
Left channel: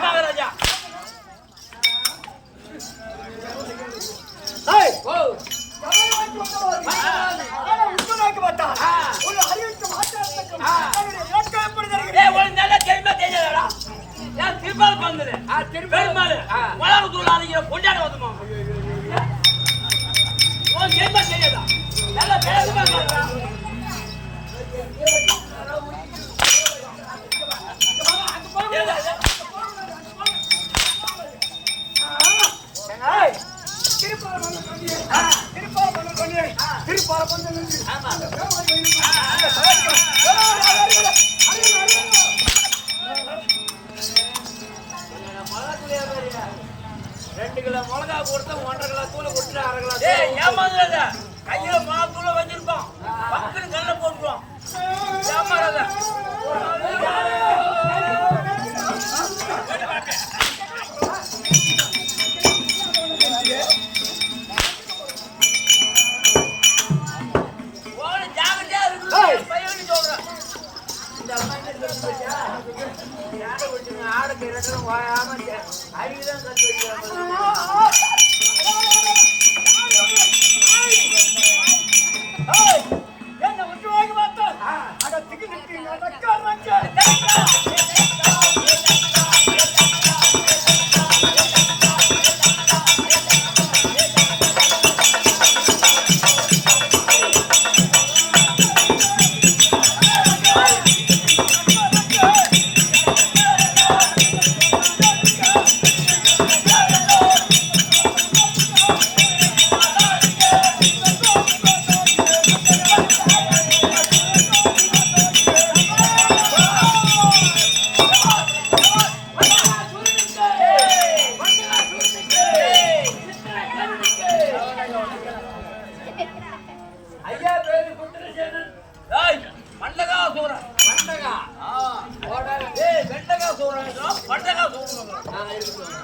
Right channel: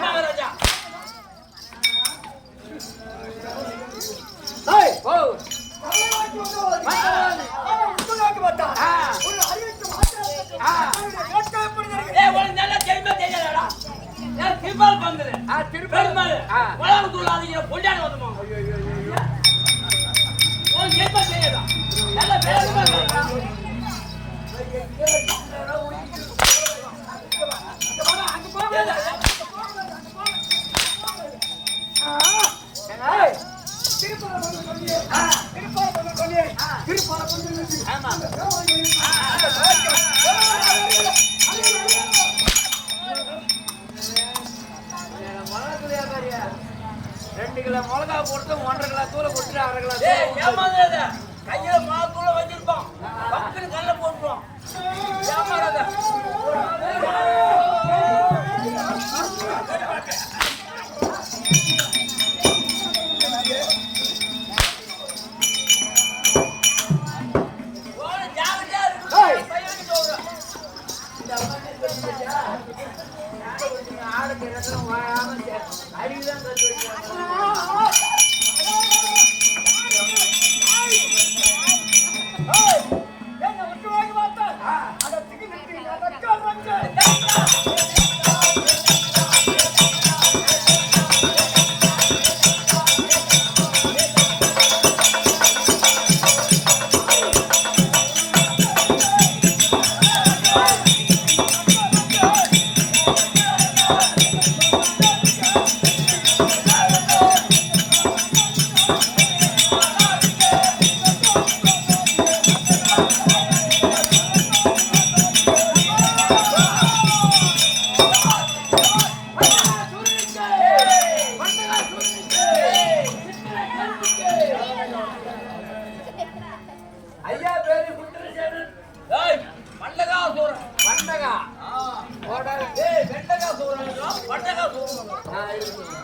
மகாராஜா திருப்பால் பந்தது பெருமாள் மிளகு தூள் அடிக்கிற பொண்டாட வந்துமா என்ன செய்யதா நல்ல வேகமா சொல்றான் ரெண்டு கிலோ மிளகா கொடுத்து 1.5 கிலோ தூளை கொடுத்துட்டு 1/2 கிலோ ஏமாந்தாத கையில மாத்தூள வச்சிருப்பான் பக்கத்துல கல்ல போட்டுருவான் ஏமாறாத ஓட ஜாகிரதையா இருக்கு பையனுக்கு சொல்றேன் இந்த அம்மா என்ன சொல்லுங்க பாத்தியா ஆடை குடிச்சுங்க ஆடை கையிலும் வாயாம அடிதான் கட்டி என்ன ஒன்று வாங்கி பார்த்தேன் அடத்துக்கு நிற்கிறீங்க ஐயா பேரு குண்டரசேனன். ஏய் மண்டகா சூரன். பண்டகா ஓடாத. ஏய் வெண்டகா சூரனுக்கு பண்டகா சூரனுக்கு. இருக்கட்டும்.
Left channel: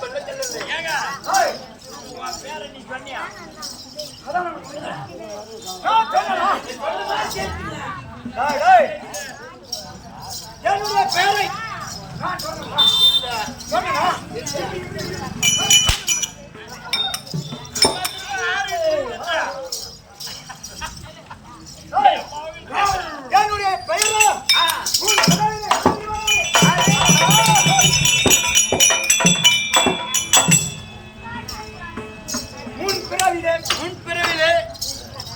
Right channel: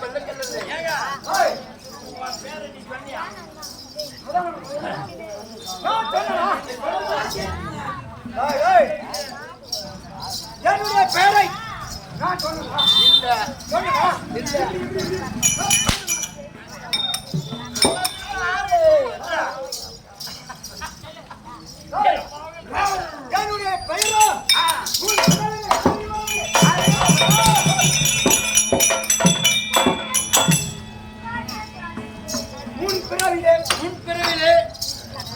பெல்ல செல்லுது. ஏங்க ஏய் உன் பேரை நீ சொன்னியா? அதான் நான் சொன்னேன். நான் சொன்னேனா? நீ சொல்லுமா கேட்டீங்க? டேய் டேய் என்னுடைய பேரை நான் சொன்னேனா? இல்ல. சொன்னேனா? இல்ல. என்னுடைய பெயரோ முன் பிறவிலே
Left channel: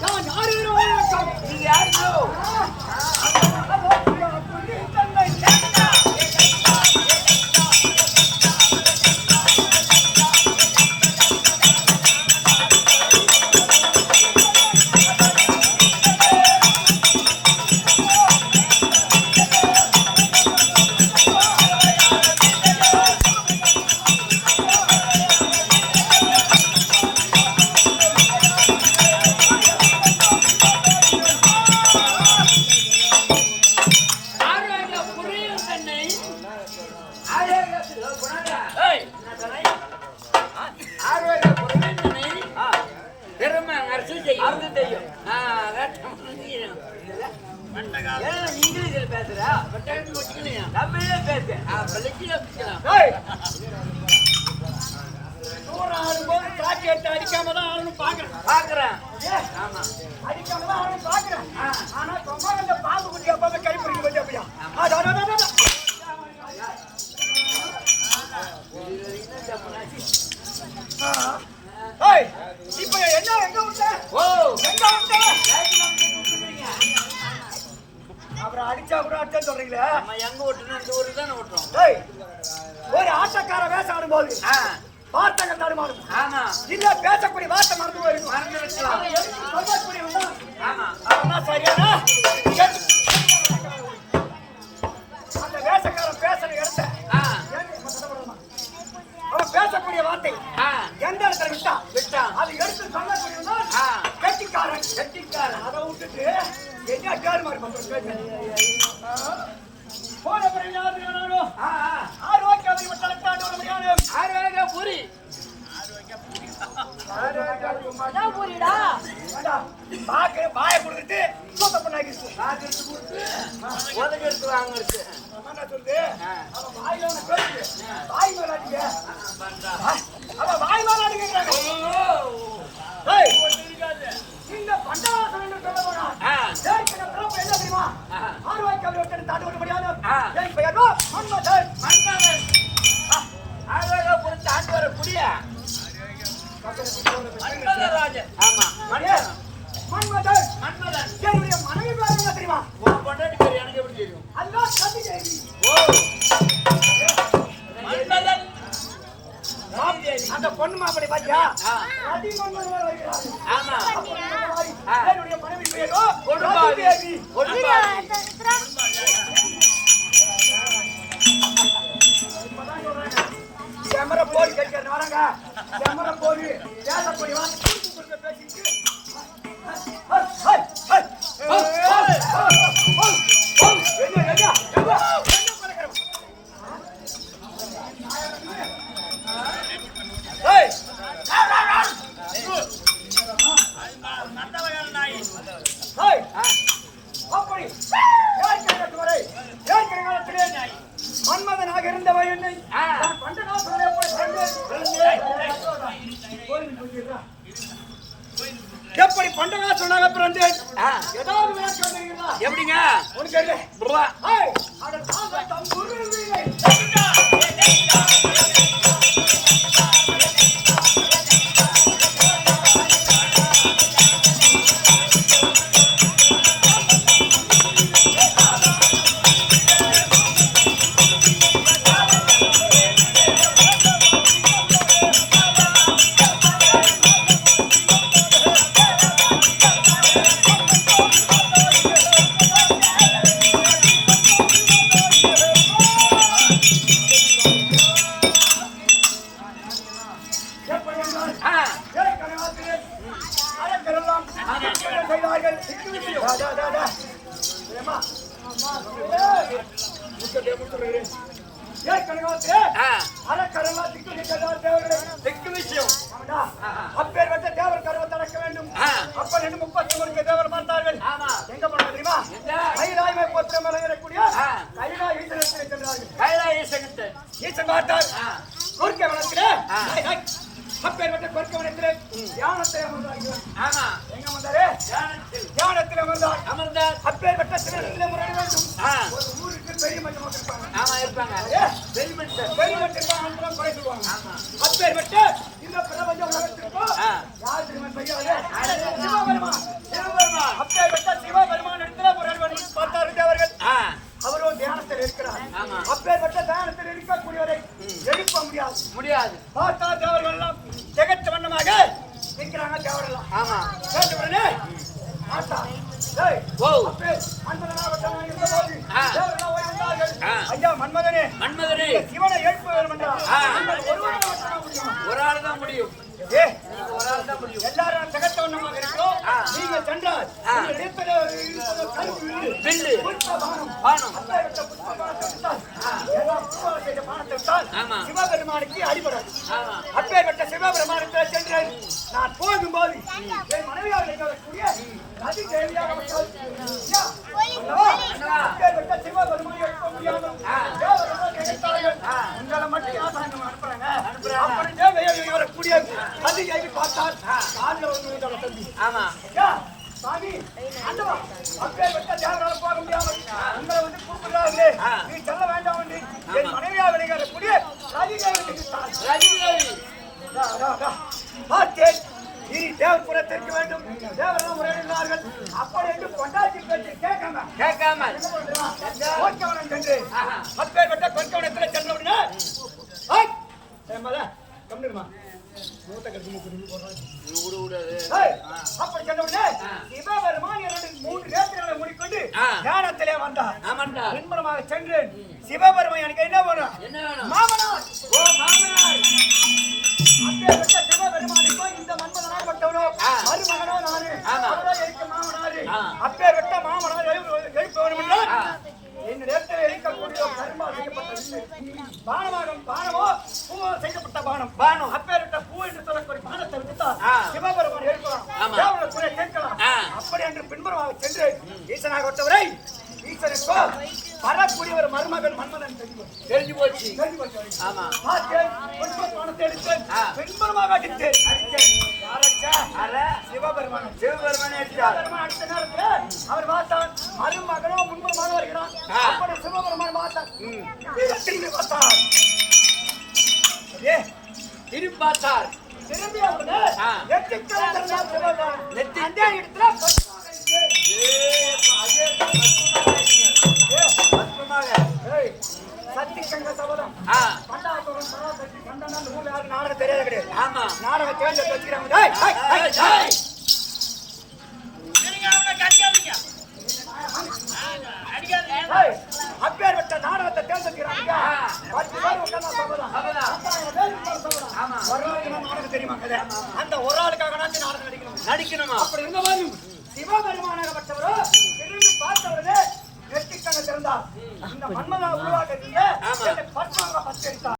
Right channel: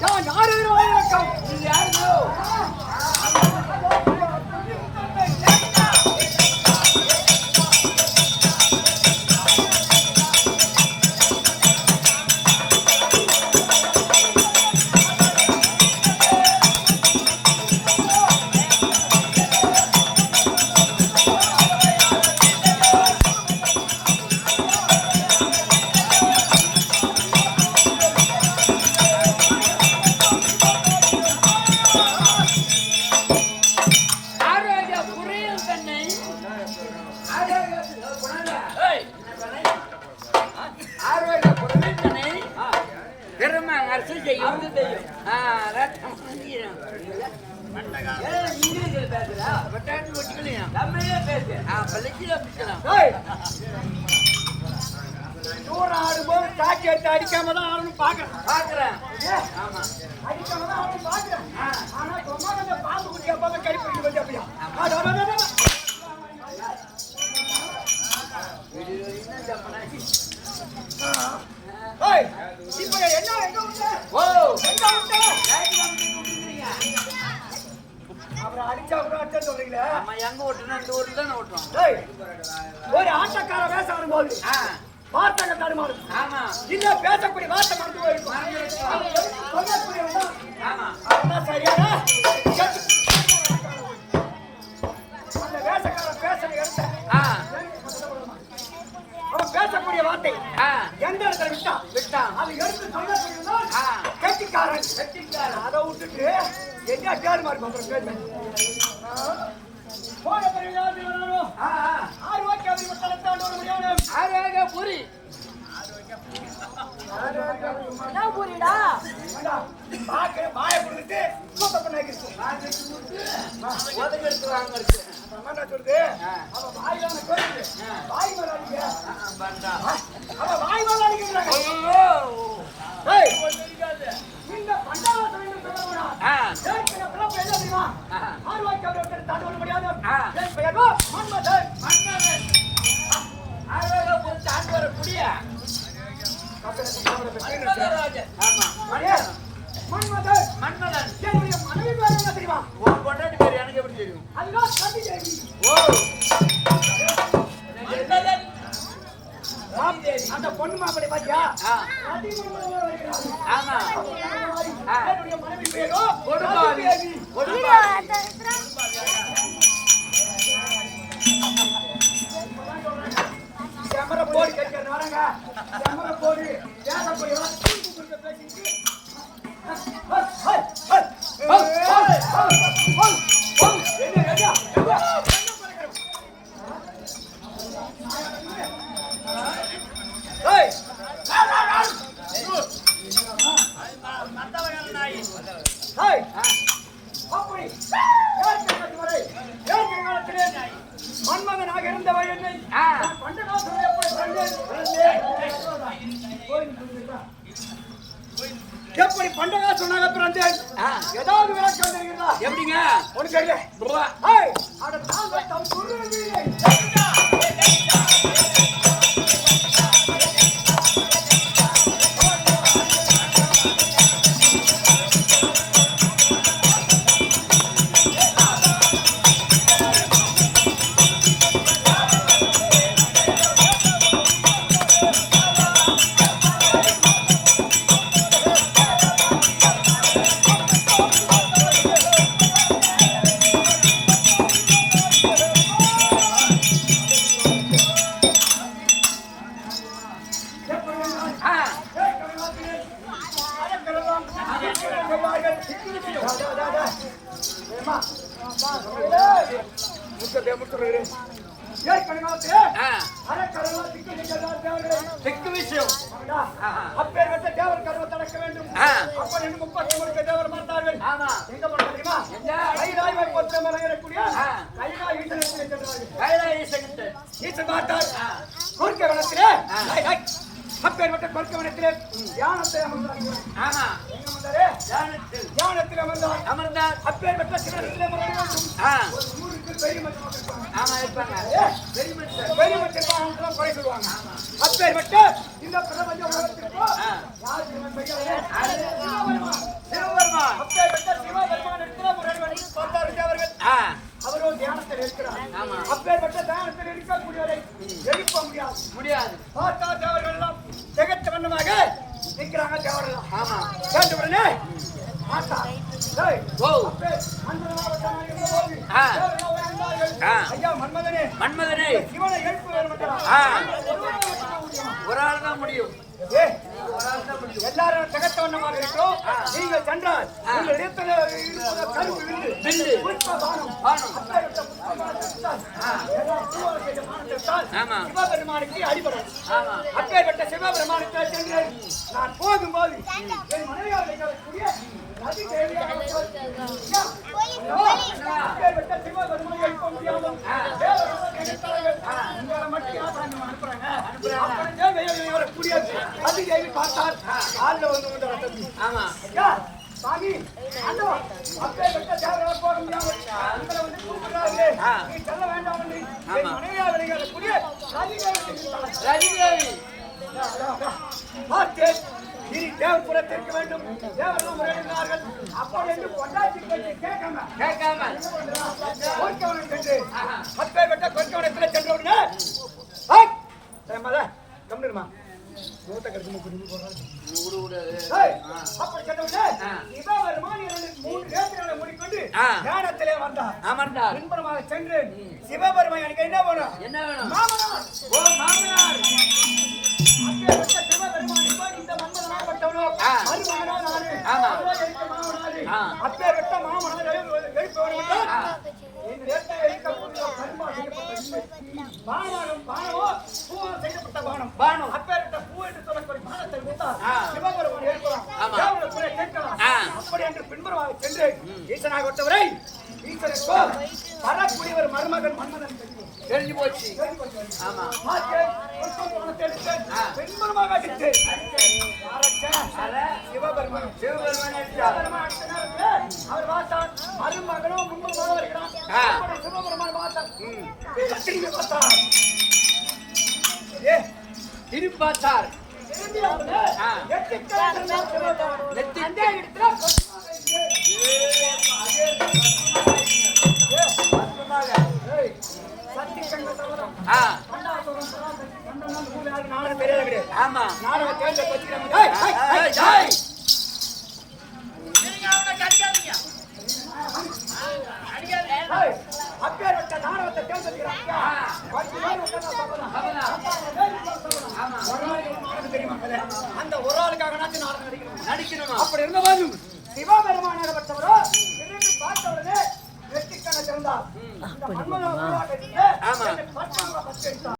நான் யாரு வணக்கம் நீங்க யாருங்க? ஆரோக்கிய புரியும் தன்னை. ஏய் ஆரோக்கிய புரியும் தன்னை. பெருமை அரசு செய்யும். அரசு செய்யும். இங்கிலீஷில் பேசுறா வெட்டாண்டு வச்சுக்கலையா? தமிழே பேசு. பள்ளிக்கு வச்சுக்கலாம். தூரம் ஆடும்போது சாட்சி எடுத்து அடிக்காம தான் ஆடணும் பாக்குறேன். ஆமா அடிக்காம தான் ஆடணும் பாக்குறேன் ஆனா சும்மா அந்த பாம்பு குட்டி அப்பா கை பிடிக்க வேண்டிய அப்படியா என்ன தப்புனாச்சு? இப்ப என்ன எங்க விட்ட ஓ எங்க விட்ட லைட் கம்பெனி விட்டுருக்கீங்க. அப்புறம் அடிச்சா கூட அடிச்சா சொல்றீங்களே நம்ம எங்க ஓட்டுனா இந்த ஊர்ல தானே ஓட்டுறோம். ஒரு ஆட்டக்கார வேஷம் ஆடும்போது வார்த்தை தடுமாறும் ஆமா இல்ல பேசக்கூடிய வார்த்தை மறந்து போயிருக்கும் மறந்து வச்சுக்கலாம். அதை எடுத்து சொல்லக்கூடியவன் ஆமா அவன் சரியானா அந்த வேஷக்காரன் பேசுற இடத்த அவன் பேசக்கூடிய வார்த்தை எந்த இடத்துல விட்டான் அது எடுத்து சொல்லக்கூடியவன் கெட்டிக்காரன் அதை விட்டுட்டு என்ன கேடு மாதிரி பண்ற போன பிறகு யாரு வேணாலும் ஆரோக்கியம் மட்டத்தாண்டு வர முடியாது ஆரோக்கிய புரி பாய கொடுத்துட்டு சுத்தம் பண்ணாக்கிடுச்சு உதவி எடுத்து வாங்கிருச்சு. என்ன சொல்றது அவன் வாயில பேசுது வாய் மேல அடிக்க அவன் வாய் மேல அடிக்கிறாங்க இந்த பண்டாரத்தை சொல்ல போனா பிறப்பு என்ன தெரியுமா ஆரோக்கியம் தாண்டி வர முடியாது என் பெயரோ மன்மதன் ஆரோக்கிய புரி தாண்டி வர புரிய மன்மதராஜன். ஆமா மன்மதன் மன்மதன். என்னுடைய மனைவி பேர் என்ன தெரியுமா உன் பொண்டாட்டி பேர் எனக்கு எப்படி தெரியும்? அதுதான் கவி தேவி ஓ மன்மதன் அந்த பொண்ணு மாப்பிளை பாத்தியா ஆமா என்னுடைய மனைவி பேரோ கொடுபாவி கொடுபாவி. கேமரா போடு கேட்க வராங்க கேமரா போடு பேசக்கூடிய வார்த்தை பேசிட்டு அப்படி மன்மதனாக இருந்தவன் என்னை ஆ. பண்டகாசுரனை போய் எப்படி பண்டகாசுரனாக பிறந்தேன்? ஆ. ஏதாவது விளக்கம் தெரியுதா? எப்படிங்க ஒண்ணு தெரியல. புருவா. ஏய், அட தாங்க தம் குருவிலே. ஆ. ஏய், கனகாத்திரே. அழகெல்லாம் கைலாயங்கள். டா, டா, டா, டா. ஏம்மா, முத்தத்தை முத்துறேன். ஏய், கனகாத்திரே. ஆ. அறக்கரெல்லாம் திக்கு திக்கதார் தேவர்களே. தெற்கு விஷயம். டா, அப்பேற்பட்ட தேவர் கருவத்தை அடக்க வேண்டும். ஆ. அப்ப நின்று 33 தேவர் மாட்டார்கள். ஆமா. எங்க போனாங்க தெரியுமா? எங்க? கைலாய பத்திரம் வழங்கக்கூடிய ஆ. கைலாய ஈஸ்வரனை சென்றார்கள். கைலாய சங்கத்தை. ஈஸ்வரன் பார்த்தார். ஆ. குறுக்கே வனத்திலே ஆ. அப்பேற்பட்ட குறுக்கே வனத்திலே தியானத்தை அமர்ந்தார்கள். ஆமா. எங்க அமர்ந்தாரு? தியானத்தில் தியானத்தில் அமர்ந்தார். அமர்ந்தார். அப்பேற்பட்ட சிவனத்திலே முறைய வேண்டும். ஆ. ஒரு ஊருக்கு பெரிய மட்டமாக இருப்பாங்க. ஆமா இருப்பாங்க. ஏ, பெரிய மனுஷன். பெரிய மட்டமாக குறை சொல்லுவாங்க. அப்பேற்பட்ட இந்த பிரபஞ்ச உலகத்திற்கும் ஆ. யார் திரும்ப பெரியவரே? யாரு? சிவபெருமான். சிவபெருமான். அப்பேற்பட்ட சிவபெருமான் இடத்துல முறைய வேண்டும் பார்த்தார்கள் தேவர்கள். ஆ. அவரும் தியானத்தில் இருக்கிறார். ஆமா. அப்பேற்பட்ட தியானத்தில் இருக்கக்கூடியவரை எழுப்ப முடியாது. முடியாது. பார்த்தா தேவர்கள் எல்லாம் திகட்ட வண்ணமாக நிற்கிறாங்க தேவரெல்லாம். ஆமா. கேட்ட உடனே மாத்தா டேய், ஓ. அப்பே மன்மதனாகப்பட்டவன் இருந்தபோது ஆ. தேவரெல்லாம் ஓடி வந்தார்கள். ஆ. ஐயா மன்மதனே, மன்மதனே. இந்த சிவனை எழுப்ப வேண்டும் என்றால் ஆ. நீங்கள் ஒருவரால் மட்டும்தான் முடியும். ஒரு ஆள் தான் முடியும். ஏ, நீங்க ஒரு ஆள் தான் முடியும். எல்லாரும் திகட்ட வண்ணமாக இருக்கிறோம். ஆ. நீங்கள் சென்றால் ஆ. உங்கள் இடத்துல இருப்பது கருப்பு வில்லு, வில்லு. புஷ்ப பானம். பானம். அப்பேற்பட்ட புஷ்ப பானத்தை விட்டால் ஆ. எல்லாம் பூவால் செய்த பானத்தை விட்டால் ஆமா. சிவபெருமானுக்கு அடிபடும். ஆமா. அப்பேற்பட்ட சிவபெருமானத்தில் சென்று நான் போகும்போது என் மனைவியாக இருக்கக்கூடிய நதி தேவியாக வந்தாள். ஐயா, அல்லவா? அப்பேற்பட்ட சிவபெருமானை எழுப்ப முடியாமல் தேவர்கள் நினைத்தார்கள். உங்களை மட்டும் யார் சாயந்தரம் அனுப்புறாங்க? அப்படியே வெளியே வரக்கூடிய நதி தேவி பார்த்தால் காலில் வந்து உங்களோட தம்பி. ஆமா. ஐயா, சாமி, ஆண்டவா, அப்பேற்பட்ட தேவரால் போக முடியாமல் உங்களை வந்து கூப்பிடுறாரு. ஆ. நீ செல்ல வேண்டாம் என்று என் ஆமா. மனைவியாக விளையாடக்கூடிய நதி தேவரை நினைத்தாள். ரவிதேவி. பார்த்தேன், இனி தேவபுரத்திற்கு வேண்டும். தேவரெல்லாம் முறையினார்கள். அப்படி என்று பொண்டாட்டி பேச்சு கேட்காம கேட்காம. என்ன பண்றான்? கோர்க்கவனம் சென்று ஆஹா. அப்பேற்பட்ட கோர்க்கவனத்தில் சென்ற உடனே கம்மிடுமா மூத்த கருக்கு குடிமை போடுறாங்க. விடு விடு. ஏய், ஆ. அப்படி சொன்ன உடனே ஆ. சிவபெருமான் 3 நேத்திரங்களை மூடிக்கொண்டு ஆ. தியானத்திலே வந்தார். அமர்ந்தார். பின்புறமாக சென்று சிவபெருமான் எனக்கு என்ன வேணும்? என்ன வேணும்? மாமனார். ஓ மாமனார். அப்பேற்பட்ட சிவபெருமானுக்கு இந்த மன்மதனாகப்பட்டவனோ ஆ. மருமகனோ நானு. ஆமா. அவரோ எனக்கு மாமனாரு. ஆ. அப்பேற்பட்ட மாமனார் எழுப்ப வேண்டும் என்றால் ஆ. இந்த நேரத்தில் இருக்கக்கூடிய கரும்பால் செய்யப்பட்ட இல்லை. பானமோ பூவால் செய்யப்பட்ட பானம். பானம். அப்பேற்பட்ட பூ என்று சொல்லக்கூடிய பானத்தை விட்டால் ஆ. சிவபெருமான் எழுப்பலாம். ஆமா. தேவர்கள் கூட கேட்கலாம். ஆ. அப்படி என்று பின்புறமாக சென்று ஈசனாகப்பட்டவரை ஈசனுக்கோ வரக்கூடிய ஒரு மருமகன் மன்மதன் தெரியும். தெரிஞ்சு போச்சு. தெரிஞ்சு போச்சு. ஆமா. பார்த்தேன், புஷ்ப பானத்தை எடுத்தேன். ஆ. பின்புறமாக அடித்தேன். யாரச்சா? அர சிவபெருமான். சிவபெருமான் எடுத்தார். சிவபெருமான் அடித்த நேரத்தில் அவர் பார்த்தார், மருமகனோ முன்புறமாக வருகிறான். ஆ. அப்படி சிவபெருமான் பார்த்தார். ம். திரும்பி பார்த்தார். ஏ, திரும்பி பார்த்தார். திரும்பி அவரு ஆ. நெற்றிக்கரை திறந்தார் சிவபெருமான். நெற்றி- அந்த இடத்துல பசுமாக இருக்கு. அதே பத்மமாக. ஏய், சக்தி சங்க சபதம். ஆ. பண்டாசுரன் சராசக்தி பண்டான அந்த ஊர்ல யாரும் நாடகம் தெரியாது கிடையாது. ஆமா. நாடகம் கேட்டு வச்சுக்கிறாங்க. டேய், டேய், டேய், ஜாய். டேய், அப்பேற்பட்ட நாடகத்தை தேர்ந்தெடுக்கிறாங்க. ஆ. 10 பேர் உட்கார்ந்தா சபதம். சபதம். 10,000 பேர் உட்கார்ந்தா சபதம். ஆமா. ஒரு ஆளுக்கு தான் நாடகம் தெரியுமா கதை? அந்த ஒரு ஆளுக்காக நாடகம் நடிக்கணும். நடிக்கணுமா? அப்படி இருந்தபோது சிவபெருமானாகப்பட்டவரோ திரும்பி பார்த்தவரே நெற்றிக்கண்ணை திறந்தார். இந்த மன்மதனை உருவாக்க ஆமா. பத்மாக பச்சரித்தார்.